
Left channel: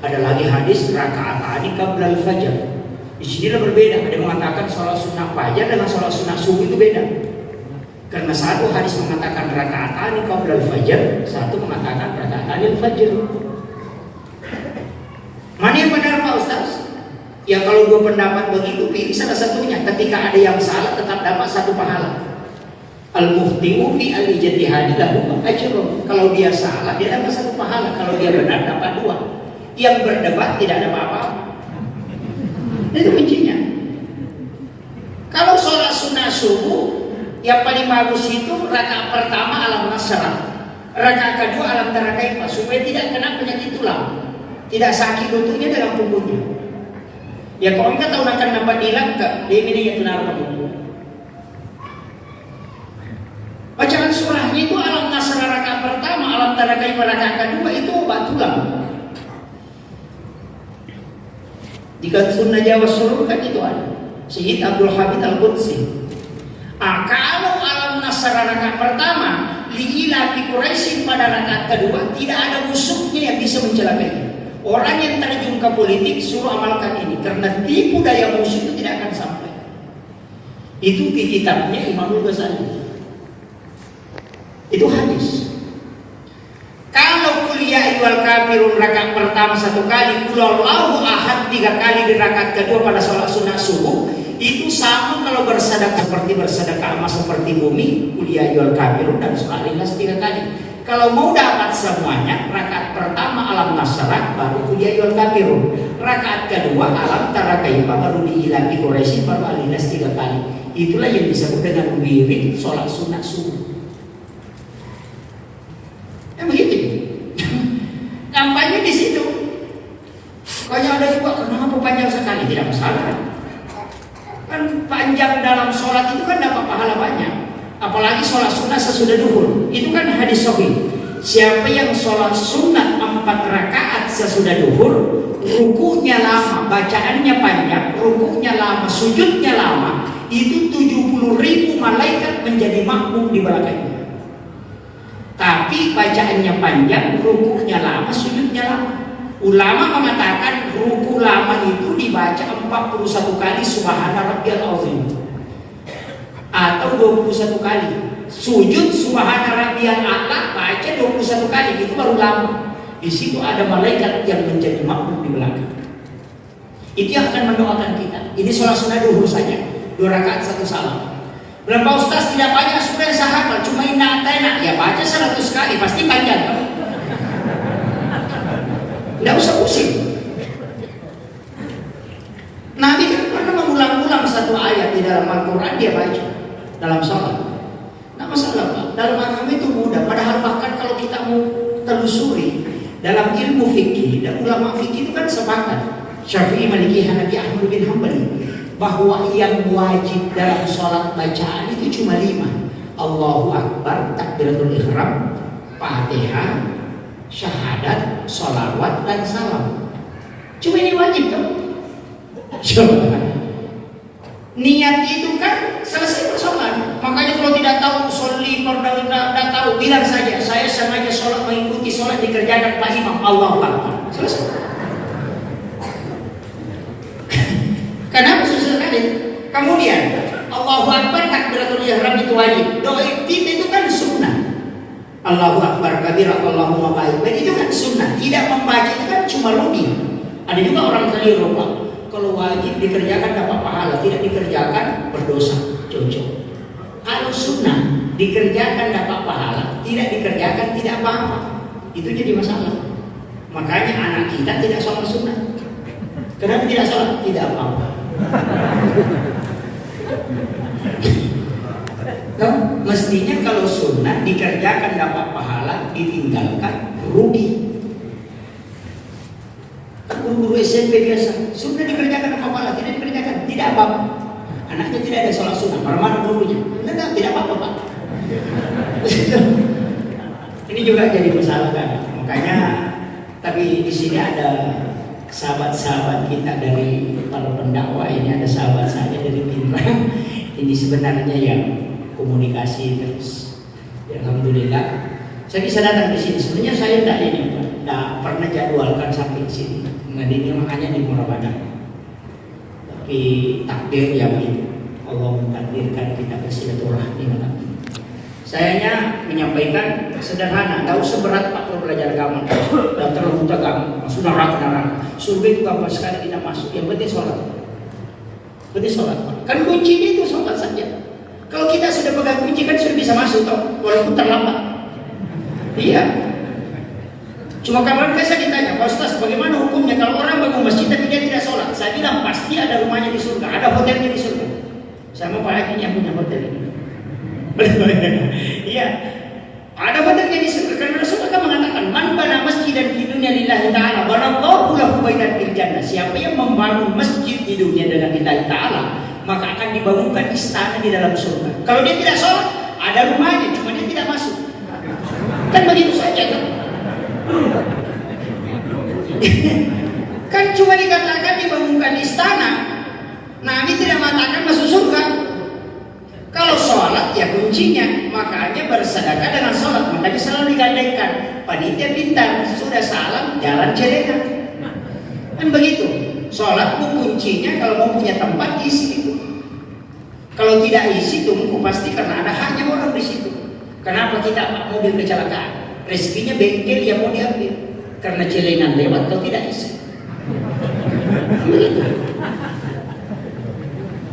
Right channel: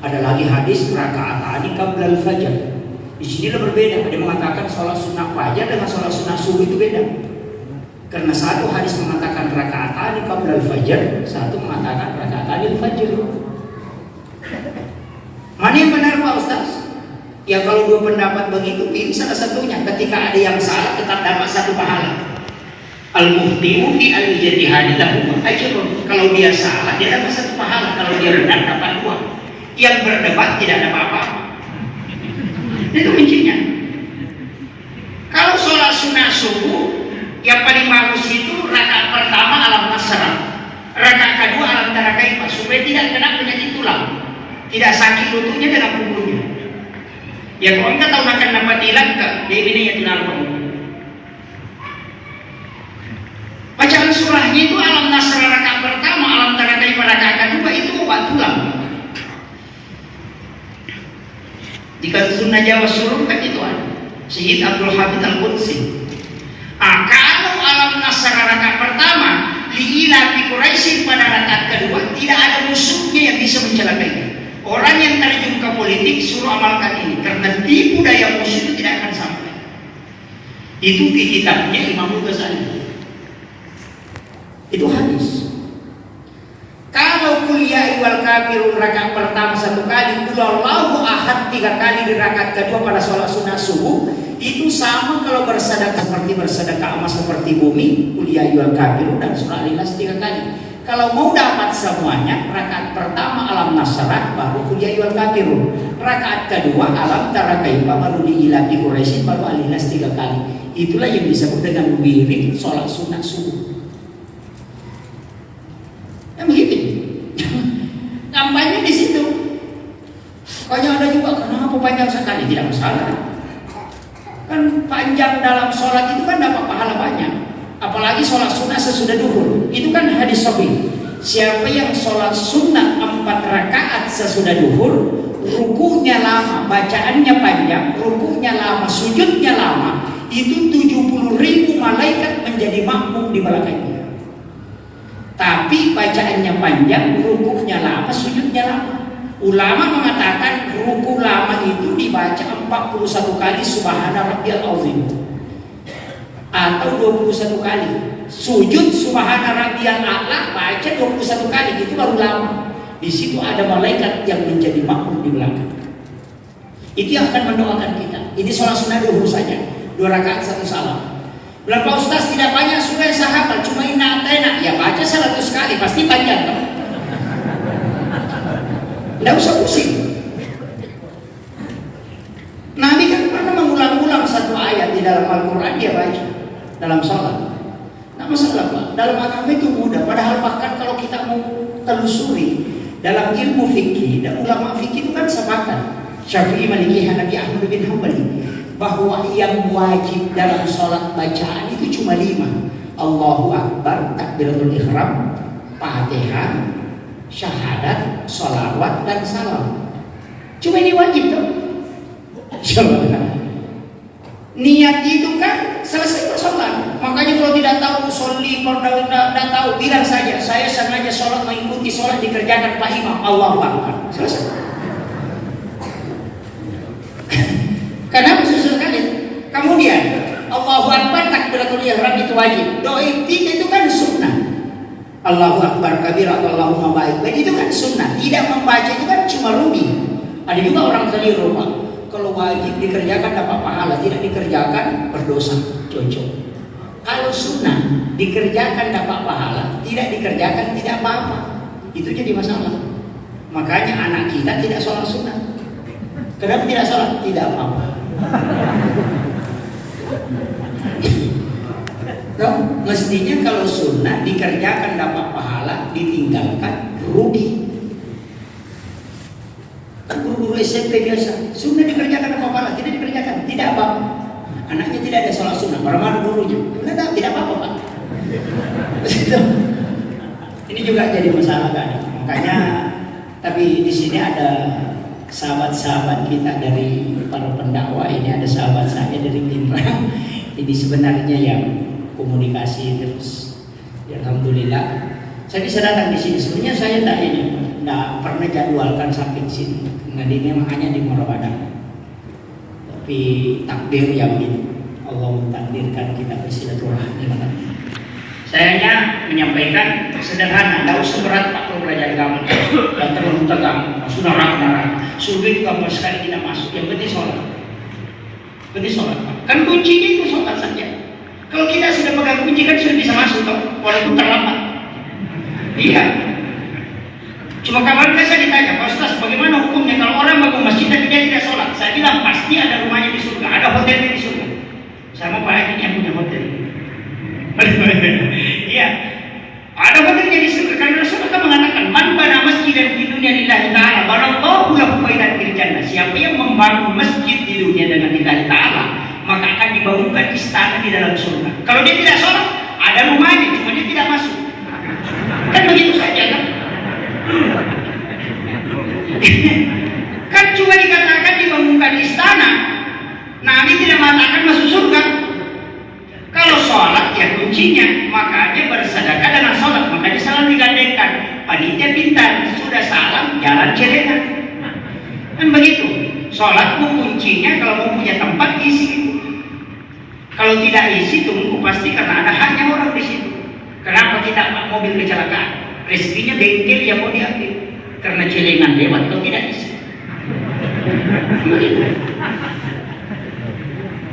Ada lagi hadis raka'atan qabla al-fajr. Di sini berbeda. Ada yang mengatakan sholat sunat fajar dengan sholat sunat subuh itu beda. Karena satu hadis mengatakan raka'atan qabla al-fajr, satu mengatakan raka'atan al-fajr. Mana yang benar Pak Ustaz? Ya kalau 2 pendapat begitu, pilih salah satunya. Ketika ada yang salah tetap dapat 1 pahala. Al-muftihu fi al-ijtihadi lahu ajrun. Kalau dia salah dia dapat 1 pahala, kalau dia benar dapat 2. Yang berdebat tidak ada apa-apa. Itu kuncinya. Kalau sholat sunat subuh yang paling bagus itu rakaat pertama alam nasrah, rakaat kedua alam tarakaifah, supaya tidak kena penyakit tulang, tidak sakit lututnya dalam punggungnya. Ya kalau enggak tahu akan dapat hilang ke ini ya tunar punggung. Bacaan surahnya itu alam nasrah rakaat pertama, alam tarakaifah rakaat kedua itu obat tulang. Jika sunnah Jawa suruh kan itu ada. Syed Abdul Hamid Al-Qudsi. Kalau alam nasrah rakaat pertama liila bi Quraisy pada rakaat kedua tidak ada musuhnya yang bisa mencelakainya. Orang yang terjun ke politik suruh amalkan ini karena tipu daya musuh itu tidak akan sampai. Itu di kitabnya Imam Ghazali. Itu hadis. Kalau kuliah wal kafirun rakaat pertama 1 kali, kulaulahu ahad 3 kali di rakaat kedua pada sholat sunat subuh, itu sama kalau bersedekah seperti bersedekah emas seperti bumi, kuliah wal kafirun dan surah Al-Ikhlas 3 kali. Kalau mau dapat semuanya, rakaat pertama alam nasrah baru kuliah wal kafirun, rakaat kedua alam tarakaifah baru diilahi Quraisy baru Al-Ikhlas 3 kali. Itulah yang disebut dengan wirid sholat sunat subuh. Kampanye di situ. Banyak ada juga kenapa panjang sekali, tidak masalah. Kan panjang dalam sholat itu kan dapat pahala banyak. Apalagi sholat sunat sesudah duhur. Itu kan hadis sahih. Siapa yang sholat sunat 4 rakaat sesudah duhur, rukunya lama, bacaannya panjang, rukunya lama, sujudnya lama, itu 70.000 malaikat menjadi makmum di belakangnya. Tapi bacaannya panjang, rukuknya lama, sujudnya lama. Ulama mengatakan ruku lama itu dibaca 41 kali subhana rabbiyal azim atau 21 kali. Sujud subhana rabbiyal a'la baca 21 kali, itu baru lama. Di situ ada malaikat yang menjadi makmum di belakang. Itu yang akan mendoakan kita. Ini sholat sunat duhur saja, 2 rakaat 1 salam. Bilang Pak Ustaz tidak banyak supaya sahabat, cuma inna atena, ya baca 100 kali pasti panjang. Tidak usah pusing. Nabi kan pernah mengulang-ulang 1 ayat di dalam Al-Quran dia baca dalam sholat. Tidak masalah Pak, dalam agama itu mudah. Padahal bahkan kalau kita mau telusuri dalam ilmu fikih dan ulama fikih itu kan sepakat, Syafi'i, Maliki, Hanafi, Ahmad bin Hanbali, bahwa yang wajib dalam sholat bacaan itu cuma 5. Allahu Akbar, takbiratul ihram, Fatihah, syahadat, sholawat, dan salam. Cuma ini wajib tuh. Coba. Niat itu kan selesai sholat. Makanya kalau tidak tahu sholli, tidak tahu, bilang saja saya sengaja sholat mengikuti sholat dikerjakan Pak Imam. Allahu Akbar. Selesai. Kenapa selesai? Kemudian Allahu Akbar, takbiratul ihram itu wajib. Doa itu kan sunnah. Allahu Akbar kabira, Allahumma baik. Itu kan sunnah. Tidak membaca itu kan cuma rugi. Ada juga orang keliru, Pak. Kalau wajib dikerjakan dapat pahala, tidak dikerjakan berdosa. Cocok. Kalau sunnah dikerjakan dapat pahala, tidak dikerjakan tidak apa-apa. Itu jadi masalah. Makanya anak kita tidak sholat sunnah. Kenapa tidak sholat? Tidak apa-apa. Nah, mestinya kalau sunnah dikerjakan dapat pahala, ditinggalkan rugi. Kan guru-guru SMP biasa, sunnah dikerjakan dapat pahala, tidak dikerjakan tidak apa-apa. Anaknya tidak ada sholat sunnah, marah-marah gurunya. Tidak apa-apa Pak. Ini juga jadi masalah kan. Makanya, tapi di sini ada sahabat-sahabat kita dari para pendakwah ini, ada sahabat saya dari Pinrang. Ini sebenarnya yang komunikasi terus. Ya, alhamdulillah. Saya bisa datang di sini. Sebenarnya saya tidak pernah jadwalkan sampai di sini. Nah, ini makanya di Murabadah. Tapi takdir yang itu. Allah mentakdirkan kita bersilaturahmi malam. Sayanya menyampaikan sederhana, tidak usah berat Pak kalau belajar agama. Dan terlalu tegang, sudah neraka. Surga itu gampang sekali kita masuk. Yang penting sholat. Penting sholat. Kan kuncinya itu sholat saja. Kalau kita sudah pegang kunci kan sudah bisa masuk toh, walaupun terlambat. Iya. Cuma kabar saya ditanya, Pak Ustaz, bagaimana hukumnya kalau orang bangun masjid tapi dia tidak sholat? Saya bilang pasti ada rumahnya di surga, ada hotelnya di surga. Saya mau Pak Haji yang punya hotel. Iya, ada hotelnya di surga karena Rasulullah mengatakan, man bana masjidan di dunia lillahi ta'ala, banallahu lahu baitan fil jannah. Siapa yang membangun masjid di dunia dengan lillahi ta'ala, maka akan dibangunkan istana di dalam surga. Kalau dia tidak sholat, ada rumahnya, cuma dia tidak masuk. Kan begitu saja kan? Kan cuma dikatakan dibangunkan istana. Nabi tidak mengatakan masuk surga. Kalau sholat ya kuncinya, makanya bersedekah dengan sholat. Makanya salam digandengkan. Panitia pintar, sudah salam jalan celengan. Kan begitu. Sholat kuncinya, kalau mau punya tempat isi. Kalau tidak isi tunggu, pasti karena ada haknya orang di situ. Kenapa kita mobil kecelakaan? Rezekinya bengkel yang mau diambil karena celengan lewat kalau tidak isi.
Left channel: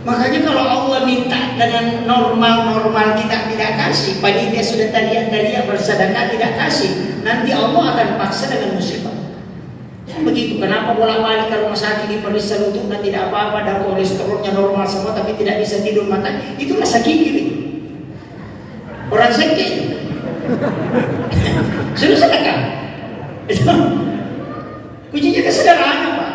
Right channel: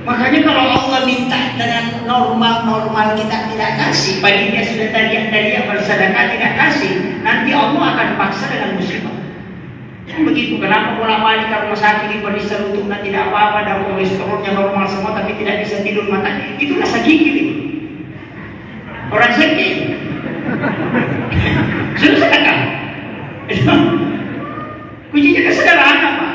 Makanya kalau Allah minta dengan normal kita tidak kasih, panitia sudah tadian bersedekah tidak kasih, nanti Allah akan paksa dengan musibah. Begitu. Kenapa bolak-balik kalau rumah sakit diperiksa lututnya tidak apa-apa, dan kolesterolnya normal semua tapi tidak bisa tidur mata? Itu rasa gigil itu. Orang sakit sudah sedekah. Kuncinya kesederhana Pak.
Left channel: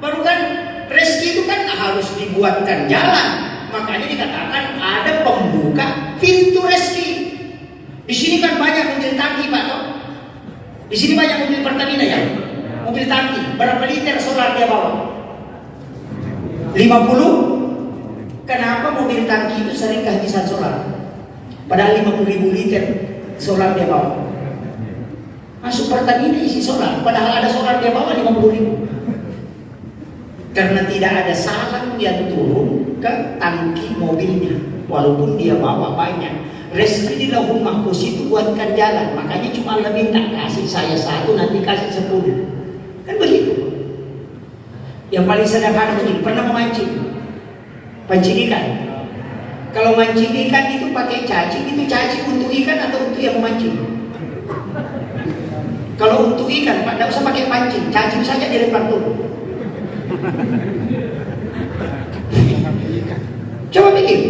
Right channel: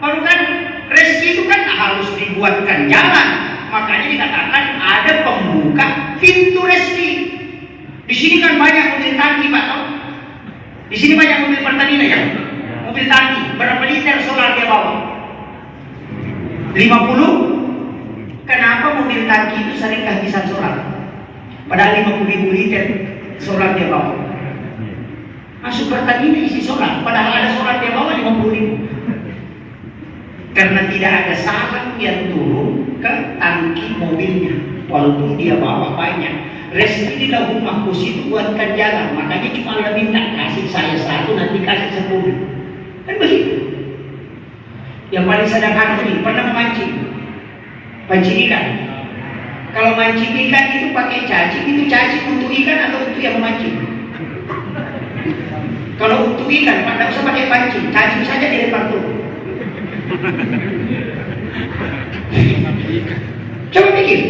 Baru kan rezeki itu kan harus dibuatkan jalan. Makanya dikatakan ada pembuka pintu rezeki. Di sini kan banyak mobil tangki Pak. Di sini banyak mobil Pertamina ya. Mobil tangki, berapa liter solar dia bawa? 50? Kenapa mobil tangki itu sering kehabisan solar? Padahal 50.000 liter solar dia bawa. Masuk Pertamina isi solar, padahal ada solar dia bawa 50.000. Karena tidak ada salam yang turun ke tangki mobilnya, walaupun dia bawa banyak. Rezeki di Lauhul Mahfuz itu buatkan jalan, makanya cuma Allah minta kasih saya 1, nanti kasih 10. Kan begitu. Yang paling sederhana ini, pernah memancing, pancing ikan. Kalau mancing ikan itu pakai cacing, itu cacing untuk ikan atau untuk yang memancing? Kalau untuk ikan, tidak usah pakai pancing, cacing saja dilempar turun. Coba pikir.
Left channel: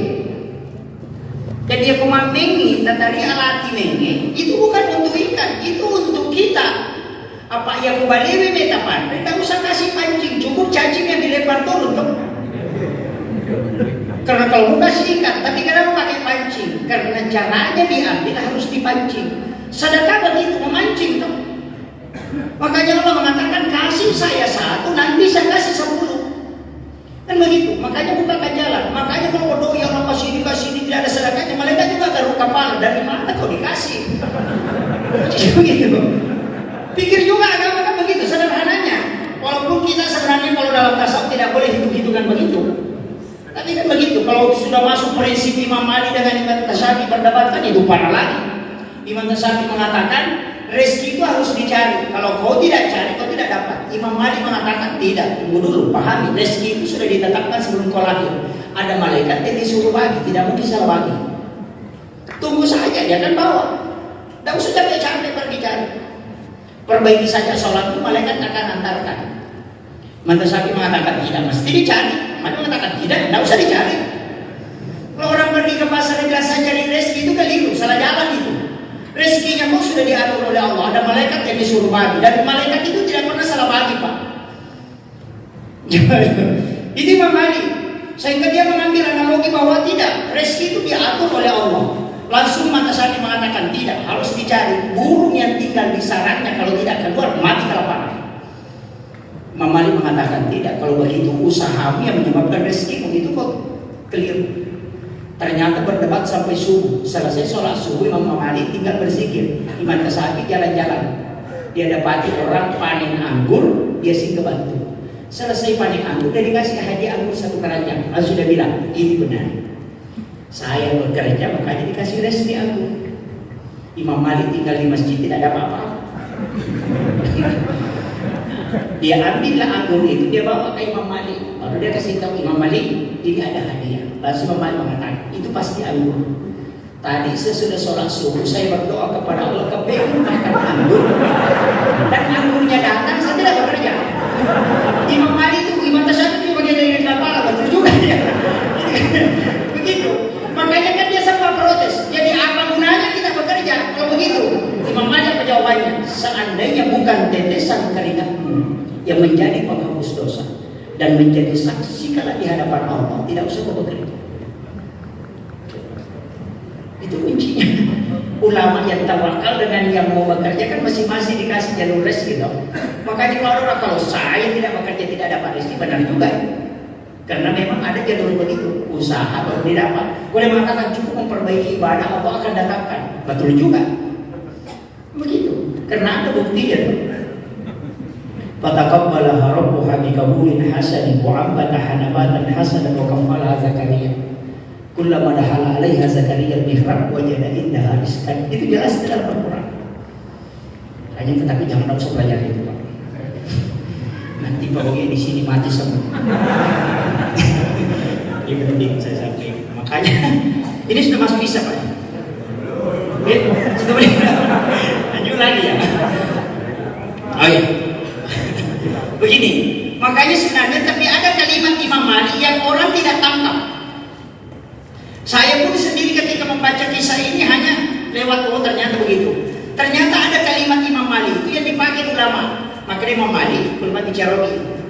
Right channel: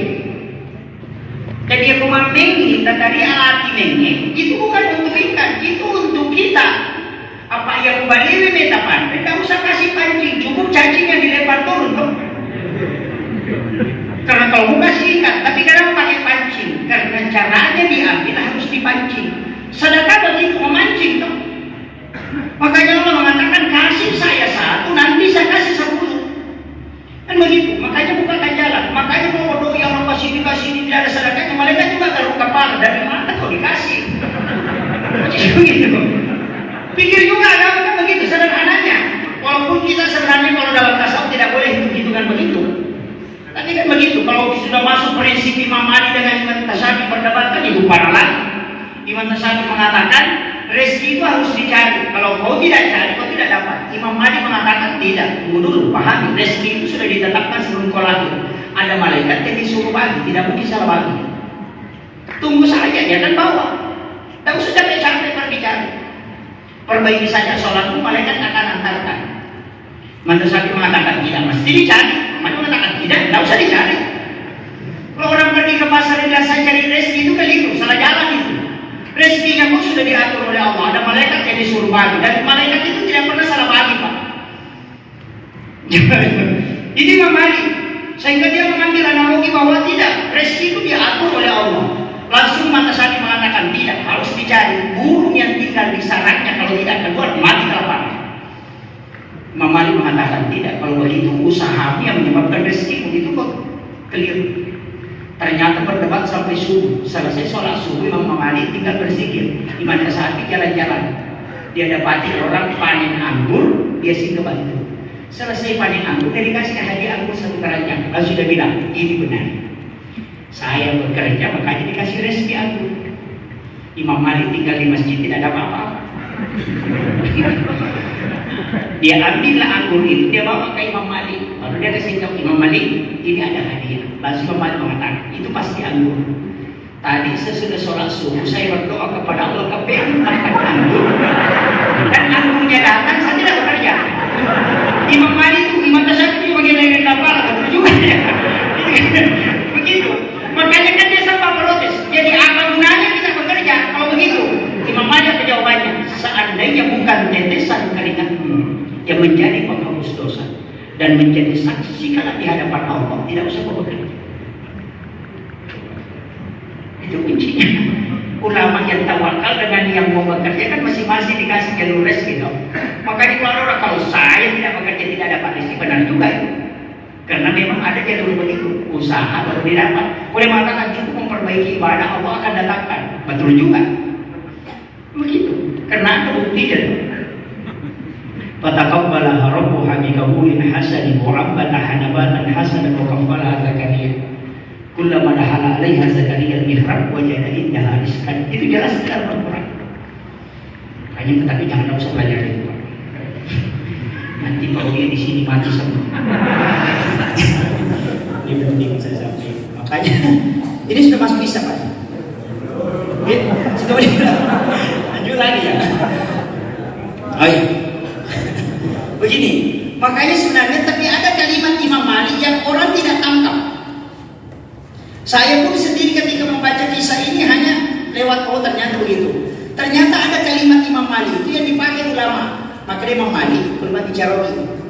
Dan dia mengi, tadi alati mengi, itu bukan untuk ikan, itu untuk kita. Apa yang baliwi metapan? Tidak usah kasih pancing, cukup cacing yang dilempar turun tuh. Karena kalau mau kasih ikan, tapi kenapa pakai pancing? Karena caranya diambil harus dipancing. Sedekah begitu, memancing tuh. Makanya Allah mengatakan kasih saya 1, nanti saya kasih 10. Kan begitu. Makanya bukakan jalan. Makanya kalau doi Allah kasih ini tidak ada sedekahnya, malaikat juga garuk kepala, dari mana kau dikasih? Begitu. Pikir juga agama kan begitu sederhananya. Walaupun kita sebenarnya kalau dalam tasawuf tidak boleh hitung kan begitu. Tapi kan begitu. Kalau sudah masuk prinsip Imam Ali dengan Imam Tasyafi berdebat kan itu parah lagi. Imam Tasyafi mengatakan rezeki itu harus dicari. Kalau kau tidak cari, kau tidak dapat. Imam Ali mengatakan tidak. Tunggu dulu, pahami. Rezeki itu sudah ditetapkan sebelum kau lahir. Ada malaikat yang disuruh bagi, tidak mungkin salah bagi. Tunggu saja, dia akan bawa. Tidak usah capek-capek pergi cari. Perbaiki saja sholatmu, malaikat akan antarkan. Imam Tasyafi mengatakan tidak, mesti dicari. Mana mengatakan tidak usah dicari. Kalau orang pergi ke pasar dan saya cari rezeki itu keliru, salah jalan itu. Rezekinya pun sudah diatur oleh Allah. Ada malaikat yang disuruh bagi, dan malaikat itu tidak pernah salah bagi, Pak. Ini Imam Ali, sehingga dia mengambil analogi bahwa tidak, rezeki itu diatur oleh Allah. Langsung Imam Tasyafi mengatakan tidak, harus dicari. Burung yang tinggal di sarangnya kalau tidak keluar mati kelaparan. Imam Ali mengatakan tidak, kalau begitu usahamu yang menyebabkan rezekimu itu kok keliru. Ternyata berdebat sampai subuh. Selesai sholat subuh, Imam Ali tinggal berzikir. Imam Tasyafi jalan-jalan. Dia dapati orang panen anggur, dia singgah bantu. Selesai panen anggur, dia dikasih hadiah anggur 1 keranjang. Lalu sudah bilang, ini benar. Saya bekerja makanya dikasih rezeki anggur. Imam Ali tinggal di masjid tidak ada apa-apa. Dia ambillah anggur itu, dia bawa ke Imam Ali. Lalu dia kasih tahu Imam Ali, ini ada hadiah. Lalu Imam Ali mengatakan, itu pasti anggur. Tadi sesudah sholat subuh saya berdoa kepada Allah kepengen makan anggur, dan anggurnya datang, saya tidak bekerja. Imam Ali itu, Imam Tasyafi bagian dari kepala, betul juga ya. Begitu. Makanya kan dia sempat protes. Jadi apa gunanya kita bekerja kalau begitu? Imam Ali apa jawabannya? Seandainya bukan tetesan keringatmu yang menjadi penghapus dosa dan menjadi saksi kalau di hadapan Allah, tidak usah bekerja. Itu kuncinya. Ulama yang tawakal dengan yang mau bekerja kan masing-masing dikasih jalur rezeki gitu. Makanya kalau orang kalau saya tidak bekerja tidak dapat rezeki, benar juga ya. Karena memang ada jalur begitu, usaha baru didapat. Boleh mengatakan cukup memperbaiki ibadah, Allah akan datangkan. Betul juga. Begitu. Karena ada buktinya. Fataqabbalaha rabbuha biqabulin hasanin wa 'abbataha nabatan hasanan wa kaffalaha Zakaria. Kullama dahala 'alaiha Zakaria al-mihrab wajada indaha rizqan. Itu jelas dalam Al-Qur'an. Hanya tetapi jangan usah belajar itu, Pak. Nanti kalau dia di sini mati semua. Ini penting saya sampaikan. Makanya ini sudah masuk bisa, Pak. Sudah boleh. Lanjut lagi ya. Ayo. Begini, makanya sebenarnya tapi ada kalimat Imam Ali yang orang tidak tangkap. Saya pun sendiri ketika membaca kisah ini hanya lewat ternyata begitu. Ternyata ada kalimat Imam Ali itu yang dipakai ulama. Makanya Imam Ali kalimat bicara begini.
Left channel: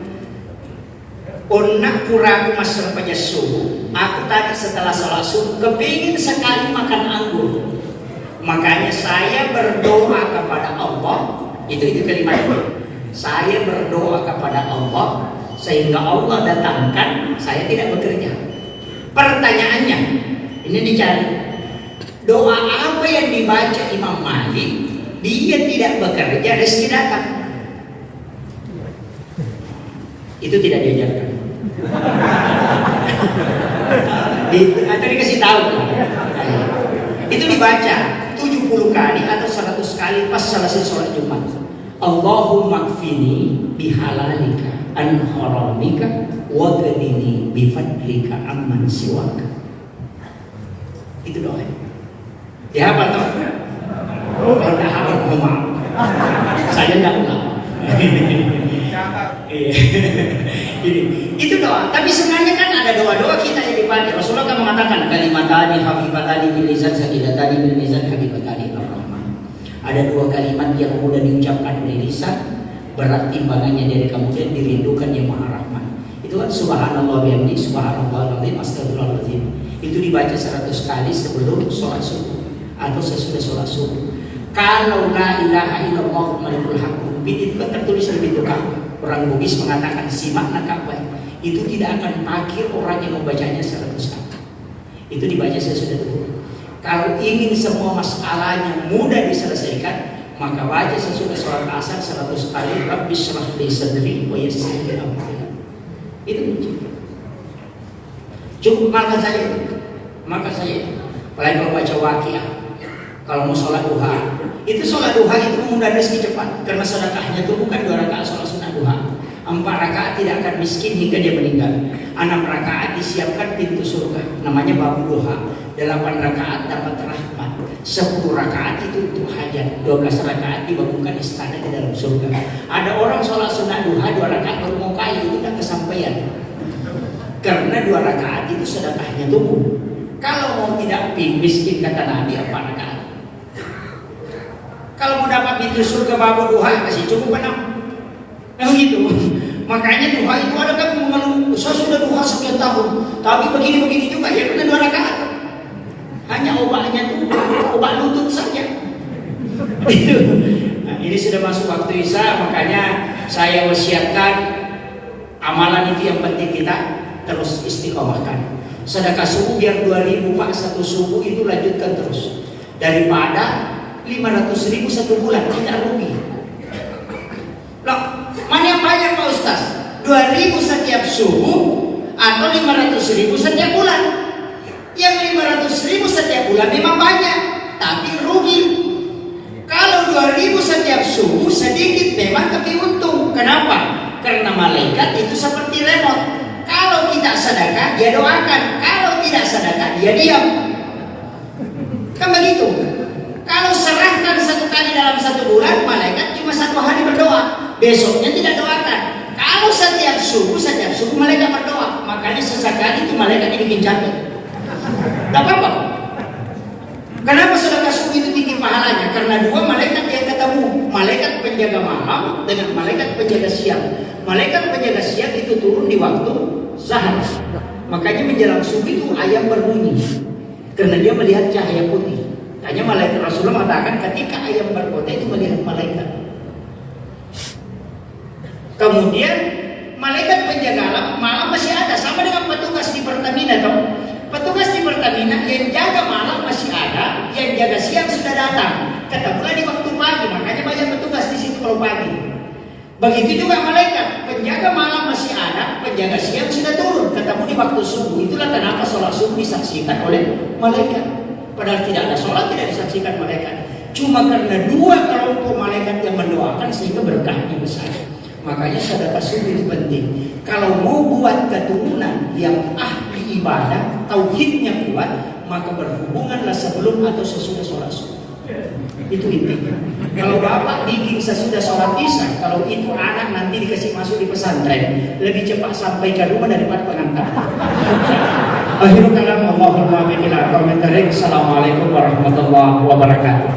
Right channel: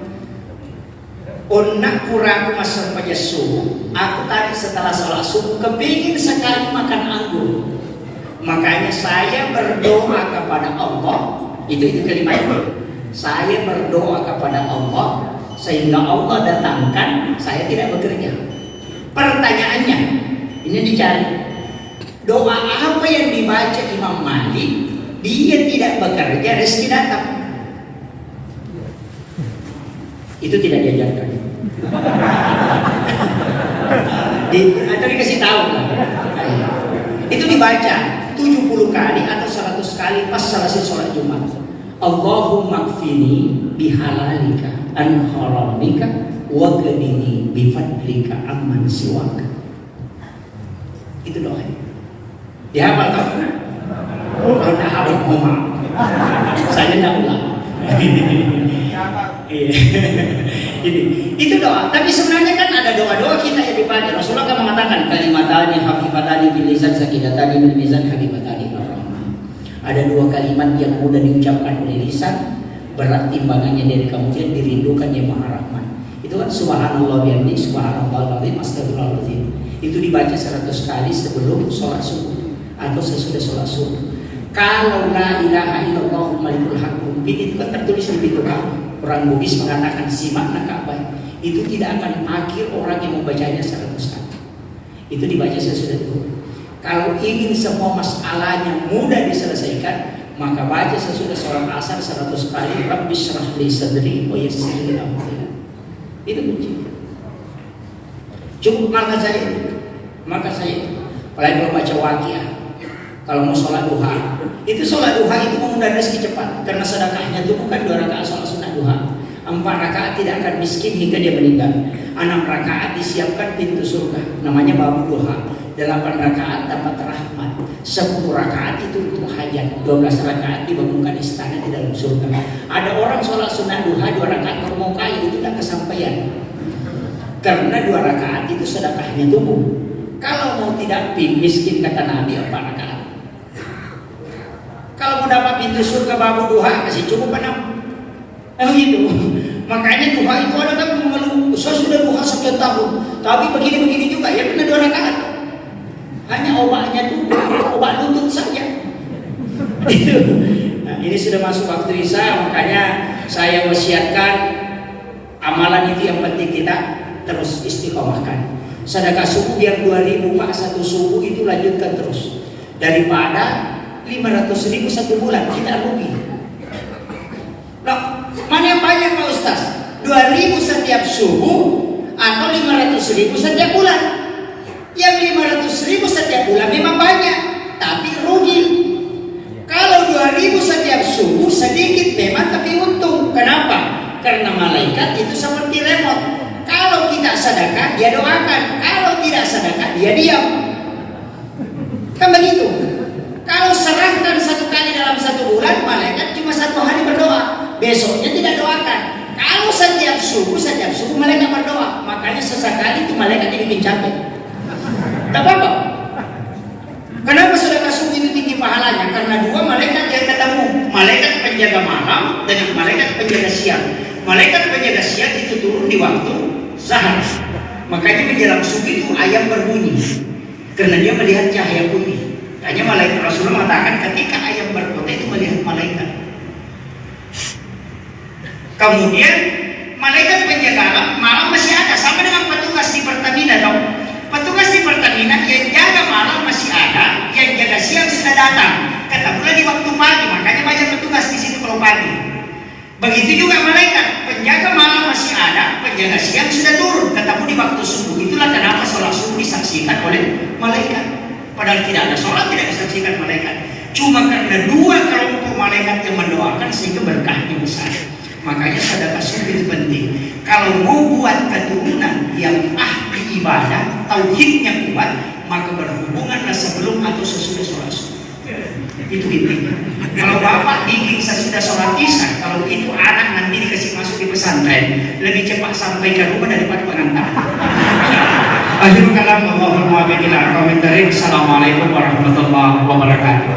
Onak kuraku masuk pada subuh. Aku tadi setelah sholat subuh kepingin sekali makan anggur. Makanya saya berdoa kepada Allah. Itu kalimat itu. Saya berdoa kepada Allah sehingga Allah datangkan, saya tidak bekerja. Pertanyaannya, ini dicari. Doa apa yang dibaca Imam Malik? Dia tidak bekerja, rezeki datang. Itu tidak diajarkan. Ada dikasih tahu. Itu dibaca 70 kali atau 100 kali pas selesai sholat Jumat. Allahumma kfini bihalalika an haramika wa qadini bifadlika amman siwaka. Itu doa. Dihafal tak? Kalau tak hafal ngomong. Saya tidak ulang. Itu doa. Tapi sebenarnya kan ada doa-doa kita yang dipakai. Rasulullah kan mengatakan kalimatani hafifatani bil lisan sakidatani bil mizan habibatani ar-rahman. Ada 2 kalimat yang mudah diucapkan oleh lisan, berat timbangannya dari kemudian dirindukan yang Maha Rahman. Itu kan subhanallah bihamdi, subhanallah azim, astagfirullahaladzim. Itu dibaca 100 kali sebelum sholat subuh. atau sesudah sholat subuh. Kalau la ilaha illallah malikul haq itu kan tertulis di pintu Ka'bah. Orang Bugis mengatakan si makna Ka'bah itu tidak akan makir orang yang membacanya 100 kali. Itu dibaca sesudah itu. Kalau ingin semua masalahnya mudah diselesaikan, maka baca sesudah sholat asar 100 kali Rabbi shrah li sadri wa yassir li amri. Itu kunci. Cukup maka saya. Apalagi kalau baca Waqiah. Kalau mau sholat duha, itu sholat duha itu mengundang rezeki cepat, karena sedekahnya itu bukan 2 rakaat sholat sunnah duha. 4 rakaat tidak akan miskin hingga dia meninggal. 6 rakaat disiapkan pintu surga, namanya babu duha. 8 rakaat dapat rahmat. 10 rakaat itu untuk hajat. 12 rakaat dibangunkan istana di dalam surga. Ada orang sholat sunnah duha 2 rakaat baru mau kaya, itu tidak kesampaian. Karena 2 rakaat itu sedekahnya tumbuh. Kalau mau tidak miskin kata Nabi 4 rakaat. Kalau mau dapat pintu surga babu duha kasih cukup 6. Begitu. Makanya duha itu ada kan mengeluh, saya sudah duha sekian tahun, tapi begini juga ya, kena 2 rakaat. Hanya obatnya tuh obat lutut saja. Nah, ini sudah masuk waktu isya, makanya saya wasiatkan amalan itu yang penting kita terus istiqomahkan. Sedekah subuh biar 2.000 Pak satu subuh itu lanjutkan terus, daripada 500.000 satu bulan kita rugi. Loh, mana yang banyak Pak Ustaz? 2.000 setiap subuh atau 500.000 setiap bulan? Yang 500.000 setiap bulan memang banyak, tapi rugi. Kalau 2.000 setiap subuh sedikit memang tapi untung. Kenapa? Karena malaikat itu seperti remote. Kalau kita sedekah dia doakan, kalau tidak sedekah dia diam. Kan begitu. Kalau serahkan 1 kali dalam 1 bulan, malaikat cuma 1 hari berdoa, besoknya tidak doakan. Kalau setiap subuh malaikat berdoa, makanya sesekali itu malaikat bikin capek. Tak apa-apa. Kenapa sedekah subuh itu tinggi pahalanya? Karena 2 malaikat yang ketemu, malaikat penjaga malam dengan malaikat penjaga siang. Malaikat penjaga siang itu turun di waktu zahar. Makanya menjelang subuh itu ayam berbunyi, karena dia melihat cahaya putih. Hanya malaikat Rasulullah mengatakan ketika ayam berkota itu melihat malaikat. Kemudian malaikat penjaga malam masih ada, sama dengan petugas di Pertamina tahu. Petugas di Pertamina yang jaga malam masih ada, yang jaga siang sudah datang. Ketemu lagi waktu pagi, makanya banyak petugas di situ kalau pagi. Begitu juga malaikat, penjaga malam masih ada, penjaga siang sudah turun, ketemu di waktu subuh. Itulah kenapa sholat subuh disaksikan oleh malaikat. Padahal tidak ada sholat, tidak disaksikan malaikat. Cuma karena 2 kelompok malaikat yang mendoakan sehingga berkahnya besar. Makanya sedekah subuh itu penting. Kalau mau buat keturunan yang ahli ibadah, tauhidnya kuat, maka berhubunganlah sebelum atau sesudah sholat subuh. Itu intinya. Kalau bapak bikin sesudah sholat isya, kalau itu anak nanti dikasih masuk di pesantren, lebih cepat sampai ke rumah daripada pengantar. Akhirul kalam, Allahumma bikin al-Assalamualaikum warahmatullahi wabarakatuh.